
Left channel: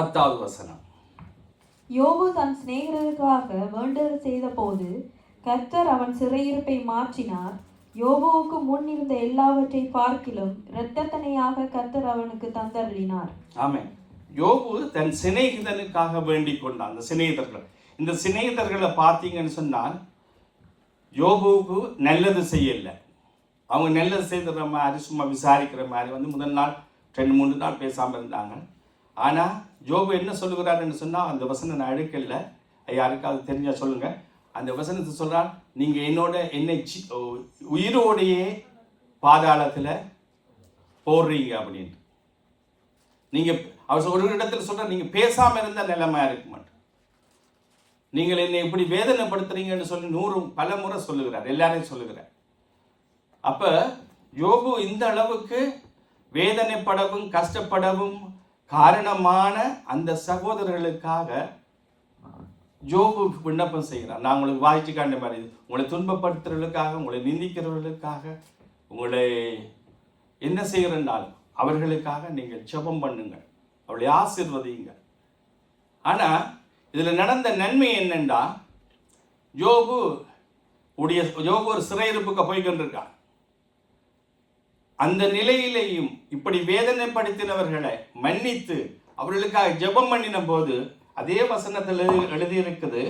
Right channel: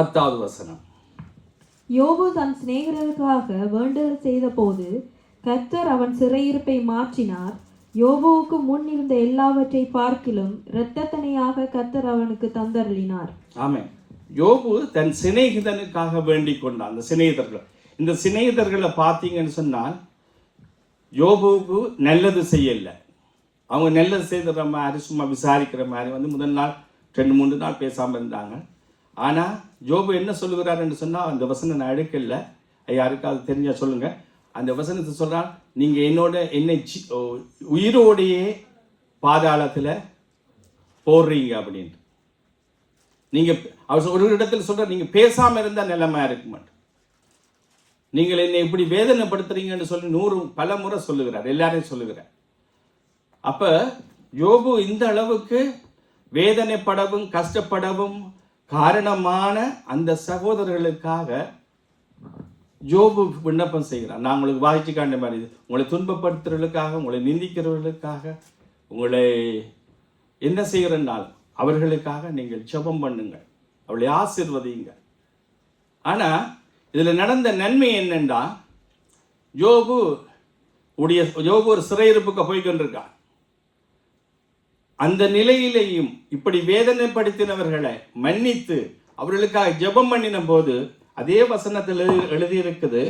10வது வசனம். யோபு தன் சிநேகிதருக்காக வேண்டுதல் செய்த போது கர்த்தர் அவன் சிறையிருப்பை மாற்றினார். யோபுவுக்கு முன் இருந்த எல்லாவற்றை பார்க்கிலும் இரத்தத்தனையாக கர்த்தர் அவனுக்கு தந்தருளினார். ஆமென். யோபு தன் சிநேகிதனுக்காக வேண்டிக் கொண்டான். அந்த சிநேகிதர்கள், இந்த சிநேகிதர்களை பார்த்தீங்கன்னு சொன்னால் யோபுவுக்கு நல்லது செய்யல. அவங்க நல்லது செய்கிற மாதிரி சும்மா விசாரிக்கிற மாதிரி முதல் நாள் 2-3 நாள் பேசாமல் இருந்தாங்க. ஆனால் யோபு என்ன சொல்லுகிறாருன்னு சொன்னால், அந்த வசனம் நான் எடுக்கல, யாருக்காவது தெரிஞ்சா சொல்லுங்க. அந்த வசனத்தை சொல்கிறான், நீங்கள் என்னை உயிரோடையே பாதாளத்தில் போடுறீங்க அப்படின்ட்டு. நீங்கள் அவர் ஒரு இடத்துல சொல்கிறார், நீங்கள் பேசாமல் இருந்தால் நிலைமையாக இருக்க மாட்டேன், நீங்கள் என்னை இப்படி வேதனைப்படுத்துறீங்கன்னு சொல்லி 100 பல முறை சொல்லுகிறார், எல்லாரையும் சொல்லுகிறார். அப்ப யோபு இந்த அளவுக்கு வேதனைப்படவும் கஷ்டப்படவும் காரணமான அந்த சகோதரர்களுக்காக யோபு விண்ணப்பம் செய்கிறார். நான் உங்களுக்கு வாய்ச்சி காண்ட மாதிரி, உங்களை துன்பப்படுத்துறவர்களுக்காக, உங்களை நிந்திக்கிறவர்களுக்காக, உங்களை என்ன செய்கிறனால் அவர்களுக்காக நீங்கள் ஜெபம் பண்ணுங்க, அவளை ஆசீர்வதிங்க. ஆனா இதுல நடந்த நன்மை என்னன்னா, யோபு ஒரு சிறையிருப்புக்கு போய்கொண்டிருக்கான். அந்த நிலையிலேயும் இப்படி வேதனைப்படுத்தினவர்களை மன்னித்து அவர்களுக்காக ஜெபம் பண்ணின போது அதே வசனத்தில் எழுதியிருக்குது,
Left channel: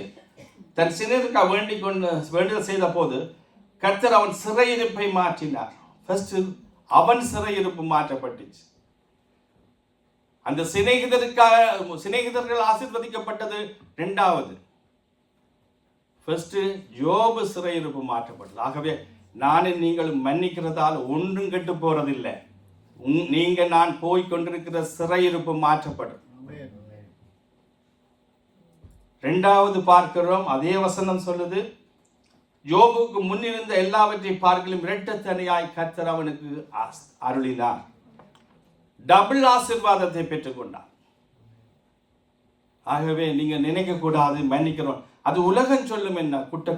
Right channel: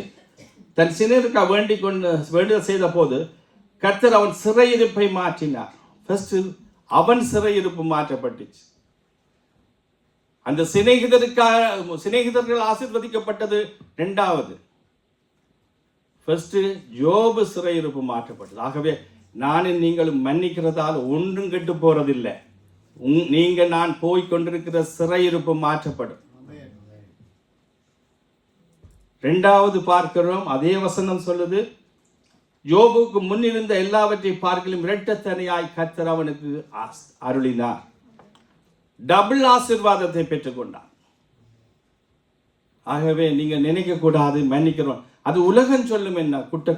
தன் சினருக்காக வேண்டுதல் செய்த போது கர்த்தர் அவன் சிறையிருப்பை மாற்றினார். ஃபர்ஸ்ட் அவன் சிறையிருப்பு மாற்றப்பட்டுச்சு. அந்த சிநேகிதர்கள் ஆசீர்வதிக்கப்பட்டது. 2வது ஃபர்ஸ்ட் யோபு சிறையிருப்பு மாற்றப்பட்டது. ஆகவே நானும் நீங்களும் மன்னிக்கிறதால் ஒன்றும் கெட்டு போறதில்லை. நீங்க நான் போய் கொண்டிருக்கிற சிறையிருப்பு மாற்றப்படும். 2வது பார்க்கிறோம், அதே வசனம் சொல்லுது, யோபுக்கு முன்னிருந்த எல்லாவற்றை பார்க்கலும் இரட்டத்தனையாய் கர்த்தர் அவனுக்கு அருளினார். டபுள் ஆசீர்வாதத்தை பெற்றுக்கொண்டான். ஆகவே நீங்க நினைக்க கூடாது மன்னிக்கிறோம், அது உலகம் சொல்லும் என்ன, குட்ட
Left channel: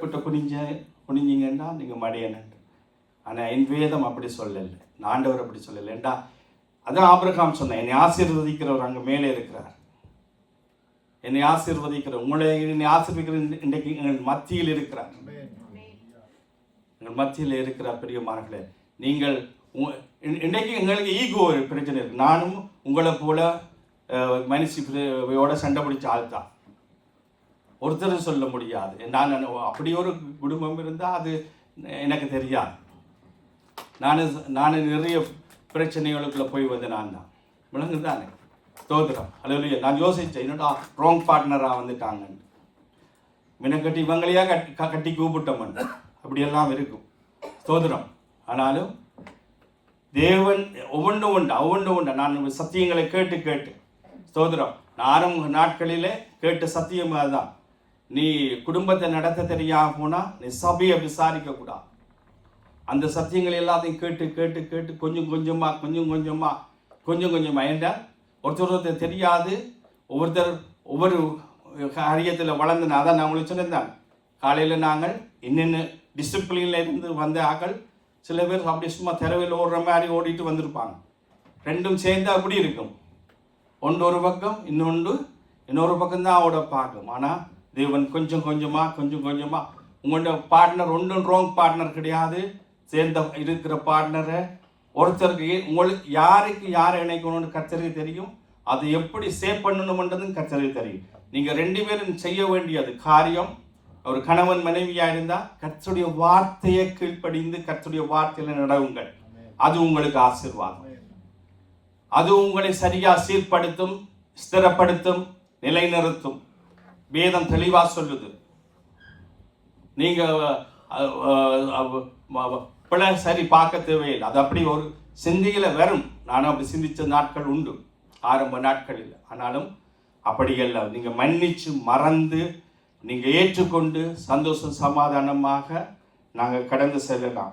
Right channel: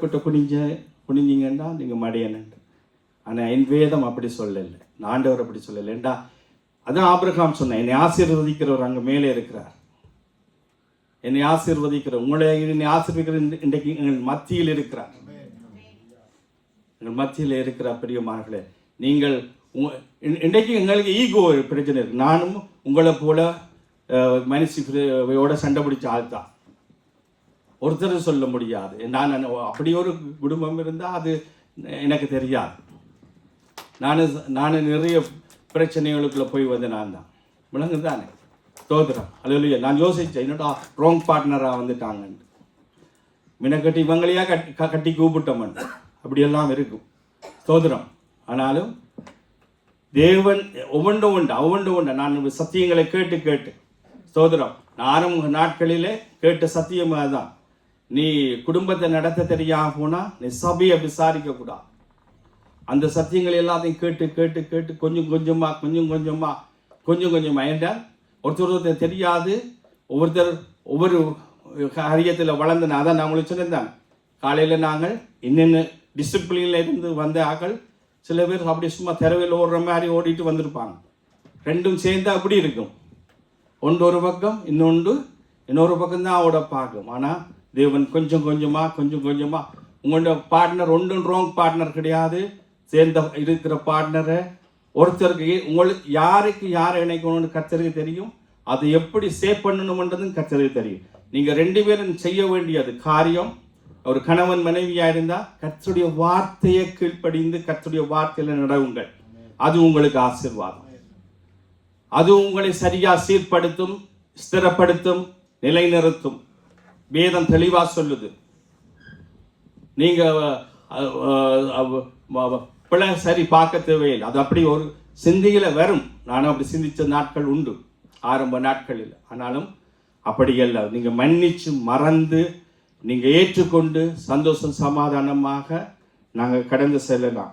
குனிஞ்சிங்கன்னா நீங்க மடையன். ஆனா என் வேதம் அப்படி சொல்லலை, ஆண்டவர் அப்படி சொல்லலை. ஏண்டா அதான் ஆபிரகாம் சொன்ன, என்னை ஆசீர்வதிக்கிறவர் அங்க மேலே இருக்கிறார். என்னை ஆசீர்வதிக்கிற என்னை ஆசீர்வதிக்கிற இன்றைக்கு எங்கள் மத்தியில் இருக்கிறார். எங்கள் மத்தியில் இருக்கிற பிரியமானவர்களே, நீங்கள் இன்றைக்கு எங்களுக்கு ஈகோ பிரச்சனை இருக்கு. நானும் உங்களை போல மனுஷியோட சண்டை பிடிச்ச ஆள் தான், ஒருத்தர் சொல்ல முடியாது. நான் அப்படி ஒரு குடும்பம் இருந்தால் அது எனக்கு தெரியாது. நான் நிறைய பிரச்சனைகளுக்குள்ள போய் வந்து நான் தான் விளங்குது தானே, தோதுறேன். அல்ல நான் யோசித்தேன், என்னோட ராங் பார்ட்னராக வந்துட்டாங்கன்னு. மினக்கட்டி இவங்களையா கட்டி கூப்பிட்டோம், அப்படியெல்லாம் இருக்கும் தோதுறோம். ஆனாலும் தேவன் ஒவ்வொன்றும் உண்டு. நான் சத்தியங்களை கேட்டு ஸ்தோத்திரம். ஆரம்ப நாட்களிலே கேட்ட சத்தியம் அதுதான். நீ குடும்பத்தை நடத்த தெரியாம போனா நீ சபையை விசாரிக்க கூடாது. அந்த சத்தியங்களை எல்லாத்தையும் கேட்டு கொஞ்சம் கொஞ்சமா என்றால் ஒருத்தர் தெரியாது, ஒவ்வொரு காரியத்தில் வளர்ந்தன. அதான் நான் உங்களுக்கு சொன்னேன், காலையில் நாங்கள் என்னென்ன டிசிப்ளின்ல இருந்து வந்த ஆக்கள் சில பேர் அப்படி சும்மா தெருவில் ஓடுற மாதிரி ஓடிட்டு வந்திருப்பாங்க. ரெண்டும் சேர்ந்து அப்படி இருக்கும். ஒன்று ஒரு பக்கம், இன்னொரு பக்கம் தான் ஓட பார்க்கும். ஆனால் தேவன் கொஞ்சம் கொஞ்சமா உங்களோட பார்ட்னர் ஒன்றும் ராங் பார்ட்னர் கிடையாது. சேர்ந்த இருக்கிற பார்ட்னரை ஒருத்தருக்கு உங்களுக்கு யாரை இணைக்கணும்னு கர்த்தருக்கு தெரியும். அதை எப்படி சேவ் பண்ணணும்ன்றதும் கர்த்தருக்கு தெரியும். நீங்கள் 2 பேரும் செய்ய வேண்டியது காரியம், ஒரு கணவன் மனைவியா இருந்தா கர்த்தருடைய வார்த்தையை கீழ்ப்படிந்து கர்த்தருடைய வார்த்தையில நடவுங்கள். அது உங்களுக்கு ஆசீர்வாதம். அது உங்களை சரியா சீர்படுத்தும், ஸ்திரப்படுத்தும், நிலைநிறுத்தும். வேதம் தெளிவா சொல்லுது. நீங்க பிள்ளை சரி பார்க்க தேவையில்லை, அது அப்படி ஒரு சிந்தையில வரும். நானும் அப்படி சிந்திச்ச நாட்கள் உண்டு ஆரம்ப நாட்களில். ஆனாலும் அப்படி அல்ல. நீங்க மன்னிச்சு மறந்து நீங்க ஏற்றுக்கொண்டு சந்தோஷம் சமாதானமாக நாங்கள் கடந்து செல்லலாம்.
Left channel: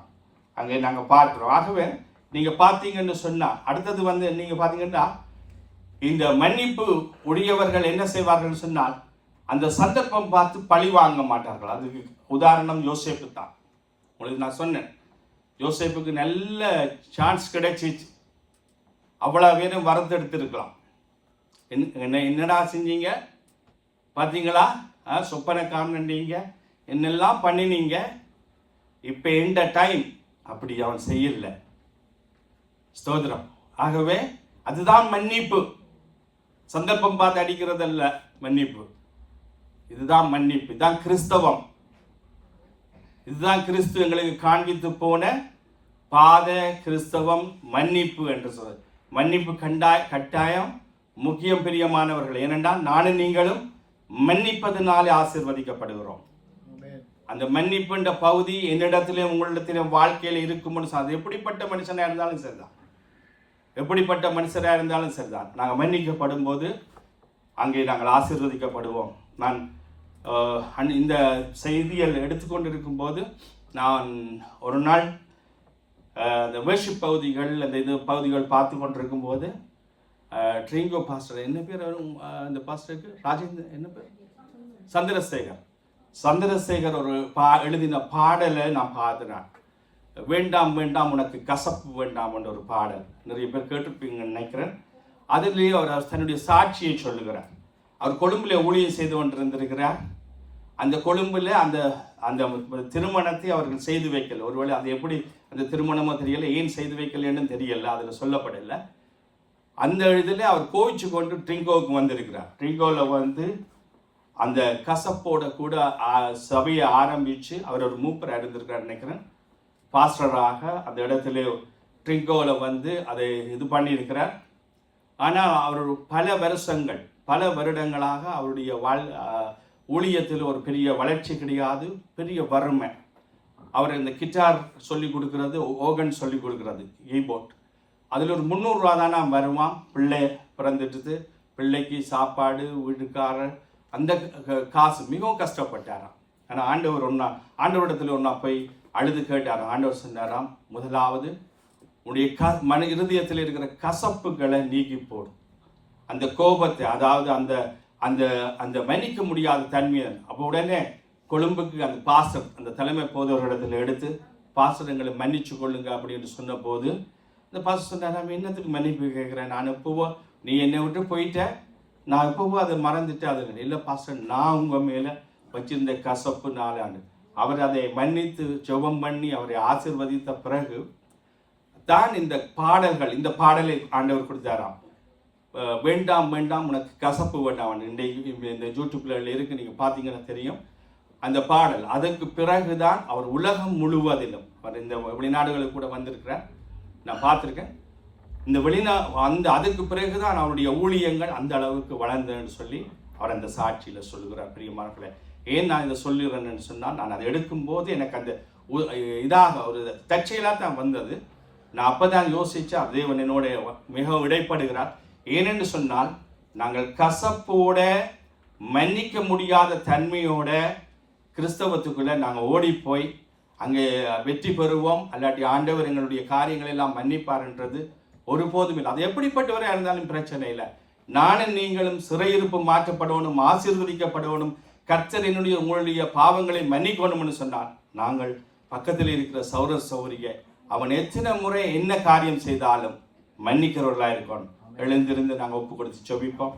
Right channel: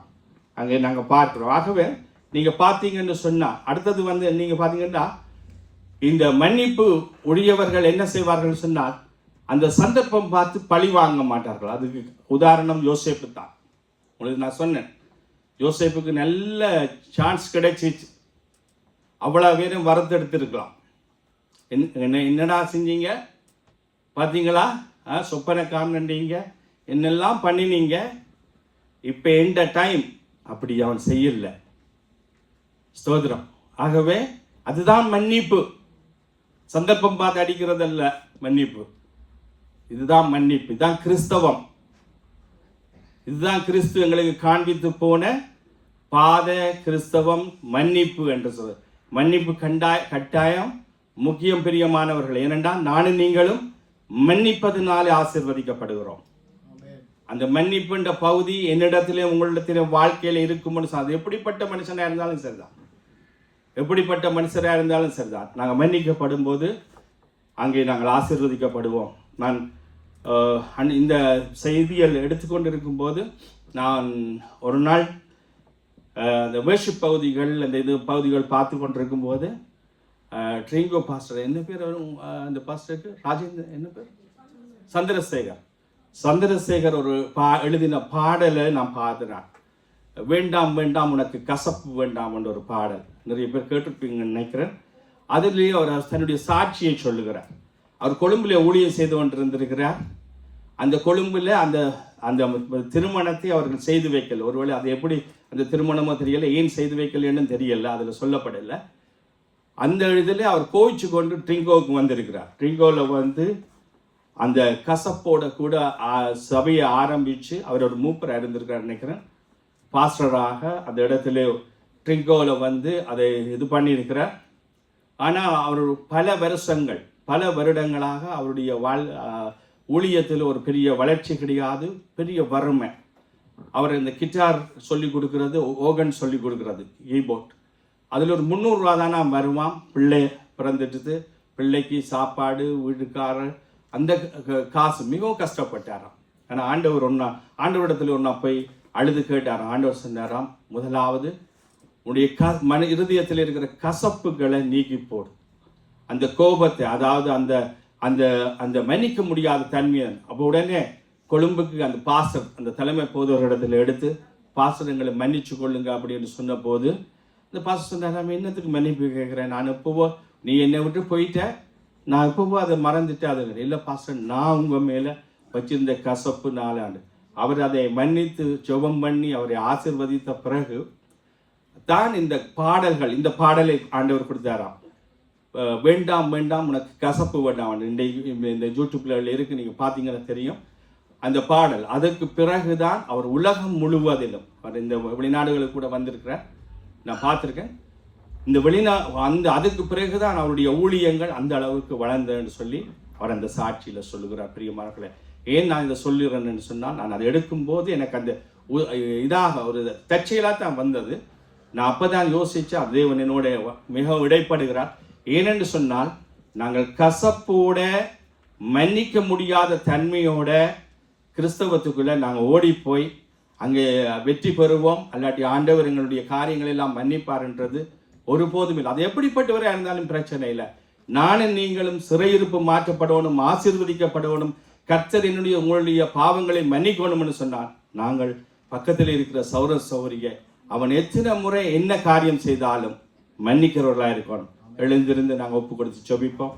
அங்கே நாங்கள் பார்க்கிறோம். ஆகவே நீங்க பார்த்தீங்கன்னு சொன்னா அடுத்தது நீங்க பார்த்தீங்கன்னா இந்த மன்னிப்பு உடையவர்கள் என்ன செய்வார்கள் சொன்னால் அந்த சந்தர்ப்பம் பார்த்து பழி வாங்க மாட்டார்கள். அதுக்கு உதாரணம் யோசேப்பு தான். உங்களுக்கு நான் சொன்னேன், யோசேப்புக்கு நல்ல சான்ஸ் கிடைச்சிச்சு, அவ்வளோ பேரும் வரத்தெடுத்திருக்கலாம். என்னடா செஞ்சீங்க பார்த்தீங்களா, சொப்பனை காண்றீங்க, என்னெல்லாம் பண்ணினீங்க, இப்போ எந்த டைம் அப்படி அவன் செய்யல. ஸ்தோத்திரம். ஆகவே அதுதான் மன்னிப்பு. சந்தர்ப்பம் பார்த்து அடிக்கிறதல்ல மன்னிப்பு. இதுதான் மன்னிப்பு. இதுதான் கிறிஸ்தவம். இதுதான் கிறிஸ்து எங்களுக்கு காண்பித்து போன பாத கிறிஸ்தவம், மன்னிப்பு என்று சொல்ற. மன்னிப்பு கட்டாயம் முக்கியம் பிரியமானவர்கள். ஏனென்றால் நானும் நீங்களும் மன்னிப்பதனாலே ஆசீர்வதிக்கப்படுகிறோம். அந்த மன்னிப்புன்ற பகுதி என்னிடத்திலே உங்களிடத்திலே வாழ்க்கையில் இருக்கும்னு அது எப்படிப்பட்ட மனுஷனாக இருந்தாலும் சரிதான், எப்படிப்பட்ட மனுஷராக இருந்தாலும் சரிதான். நாங்கள் மன்னிக்கப்படும் போது அங்கே நாங்கள் ஆசீர்வதிக்கப்படுவோம். நான் இந்த செய்தியில் எடுத்துக்கொண்டு இருக்கும்போது நான் ஒரு நாள் அந்த வேர்ஷிப் பகுதிகள், அந்த இது பகுதிகள் பார்த்து கொண்டிருக்கும் போது ட்ரிங்கோ பாஸ்டர், என்ன பேர் அந்த பாஸ்டருக்கு, ராஜேந்திரன் என்ன பேர், சந்திரசேகர் ஒரு எழுதின பாடலை நான் பார்த்துனேன். வேண்டாம் வேண்டாம் உனக்கு கசப்பு வேண்டாம் என்ற ஒரு பாடல். நிறைய பேர் கேட்டிருப்பீங்கன்னு நினைக்கிறேன். அதுலேயே அவர் தன்னுடைய சாட்சியை சொல்லுகிறார். அவர் கொழும்புல ஊழியம் செய்து கொண்டிருந்திருக்கிறார். அந்த கொழும்புல அந்த அந்த திருமணத்தை அவர்கள் செய்து வைக்கல. ஒருவேளை அது எப்படி அந்த திருமணமோ தெரியல, ஏன் செய்து வைக்கலன்னு தெரியல, அதில் சொல்லப்படலை. அந்த இதில் அவர் கோவிச்சு கொண்டு ட்ரிங்கோவுக்கு வந்திருக்கிறார். ட்ரிங்கோவில் வந்து அந்த கசப்போட கூட சபையை ஆரம்பித்து அவர் ஒரு மூப்பராக இருந்திருக்கிறார் நினைக்கிறேன். பாஸ்டராக அந்த இடத்துல ட்ரிங்கோவில் வந்து அதை இது பண்ணியிருக்கிறார். ஆனால் அவர் பல வருடங்களாக அவருடைய ஊழியத்தில் ஒரு பெரிய வளர்ச்சி கிடையாது, பெரிய வறுமை. அவர் இந்த கிட்டார் சொல்லி கொடுக்கறது, ஓகன் சொல்லி கொடுக்கறது, கீபோர்ட், அதில் ஒரு 300 ரூபா தானே வருவான். பிள்ளை பிறந்துட்டு பிள்ளைக்கு சாப்பாடு, வீட்டுக்காரர், அந்த காசு மிகவும் கஷ்டப்பட்டாராம். ஆனால் ஆண்டவரிடத்தில் ஒன்றா போய் அழுது கேட்டாராம். ஆண்டவர் சொன்னாராம், முதலாவது உன்னுடைய இருதயத்தில் இருக்கிற கசப்புகளை நீக்கி போடு, அந்த கோபத்தை, அதாவது அந்த அந்த அந்த மன்னிக்க முடியாத தன்மையை. அப்போ உடனே கொழும்புக்கு அந்த பாஸ்டர், அந்த தலைமை போதவரிடத்தில் எடுத்து, பாஸ்டர் எங்களை மன்னிச்சு கொள்ளுங்க அப்படின்னு சொன்ன போது இந்த பாஸ்டர் சொன்னார், நான் என்னத்துக்கு மன்னிப்பு கேட்குறேன், நான் எப்போவோ நீ என்னை விட்டு போயிட்ட, நான் எப்போவோ அதை மறந்துட்டு. அது இல்லை பாஸ்டர், நான் உங்கள் மேலே வச்சிருந்த கசப்பு 4 ஆண்டு. அவர் அதை மன்னித்து ஜெபம் பண்ணி அவரை ஆசீர்வதித்த பிறகு தான் இந்த பாடலை ஆண்டவர் கொடுத்தாராம். வேண்டாம் வேண்டாம் உனக்கு கசப்பு வேண்டாம். இந்த யூடியூப்ல இருக்கு, நீங்கள் பார்த்தீங்கன்னா தெரியும் அந்த பாடல். அதற்கு பிறகுதான் அவர் உலகம் முழுவதிலும், இந்த வெளிநாடுகளுக்கு கூட வந்திருக்கிறார், நான் பார்த்துருக்கேன். இந்த அதுக்கு பிறகுதான் அவருடைய ஊழியங்கள் அந்த அளவுக்கு வளர்ந்ததுன்னு சொல்லி அவர் அந்த சாட்சியில் சொல்லுகிறார். பிரியமானவர்களே, ஏன் நான் இதை சொல்லுகிறேன்னு சொன்னால், நான் அதை எடுக்கும்போது எனக்கு அந்த இதாக ஒரு தற்செயலாக தான் வந்தது. நான் அப்போ தான் யோசித்தேன், தேவன் என்னோட மிகவும் இடைப்படுகிறார். ஏனென்று சொன்னால், நாங்கள் கசப்போட மன்னிக்க முடியாத தன்மையோட கிறிஸ்தவத்துக்குள்ளே நாங்கள் ஓடிப்போய் அங்கே வெற்றி பெறுவோம், அல்லாட்டி ஆண்டவர் எங்களுடைய காரியங்கள் எல்லாம் மன்னிப்பார்ன்றது ஒருபோதும் இல்லை. அது எப்படிப்பட்டவராக இருந்தாலும் பிரச்சனை இல்லை. நானும் நீங்களும் சிறையிருப்பு மாற்றப்படணும், ஆசீர்வதிக்கப்படணும், கர்த்தர் உங்களுடைய பாவங்களை மன்னிக்கணும்னு சொன்னார். நாங்கள் பக்கத்தில் இருக்கிற சௌரிய அவன் எத்தனை முறை என்ன காரியம் செய்தாலும் மன்னிக்கிறவர்களாக இருக்கணும். எழுந்திருந்து நாங்கள் ஒப்பு கொடுத்து ஜெபிப்போம்.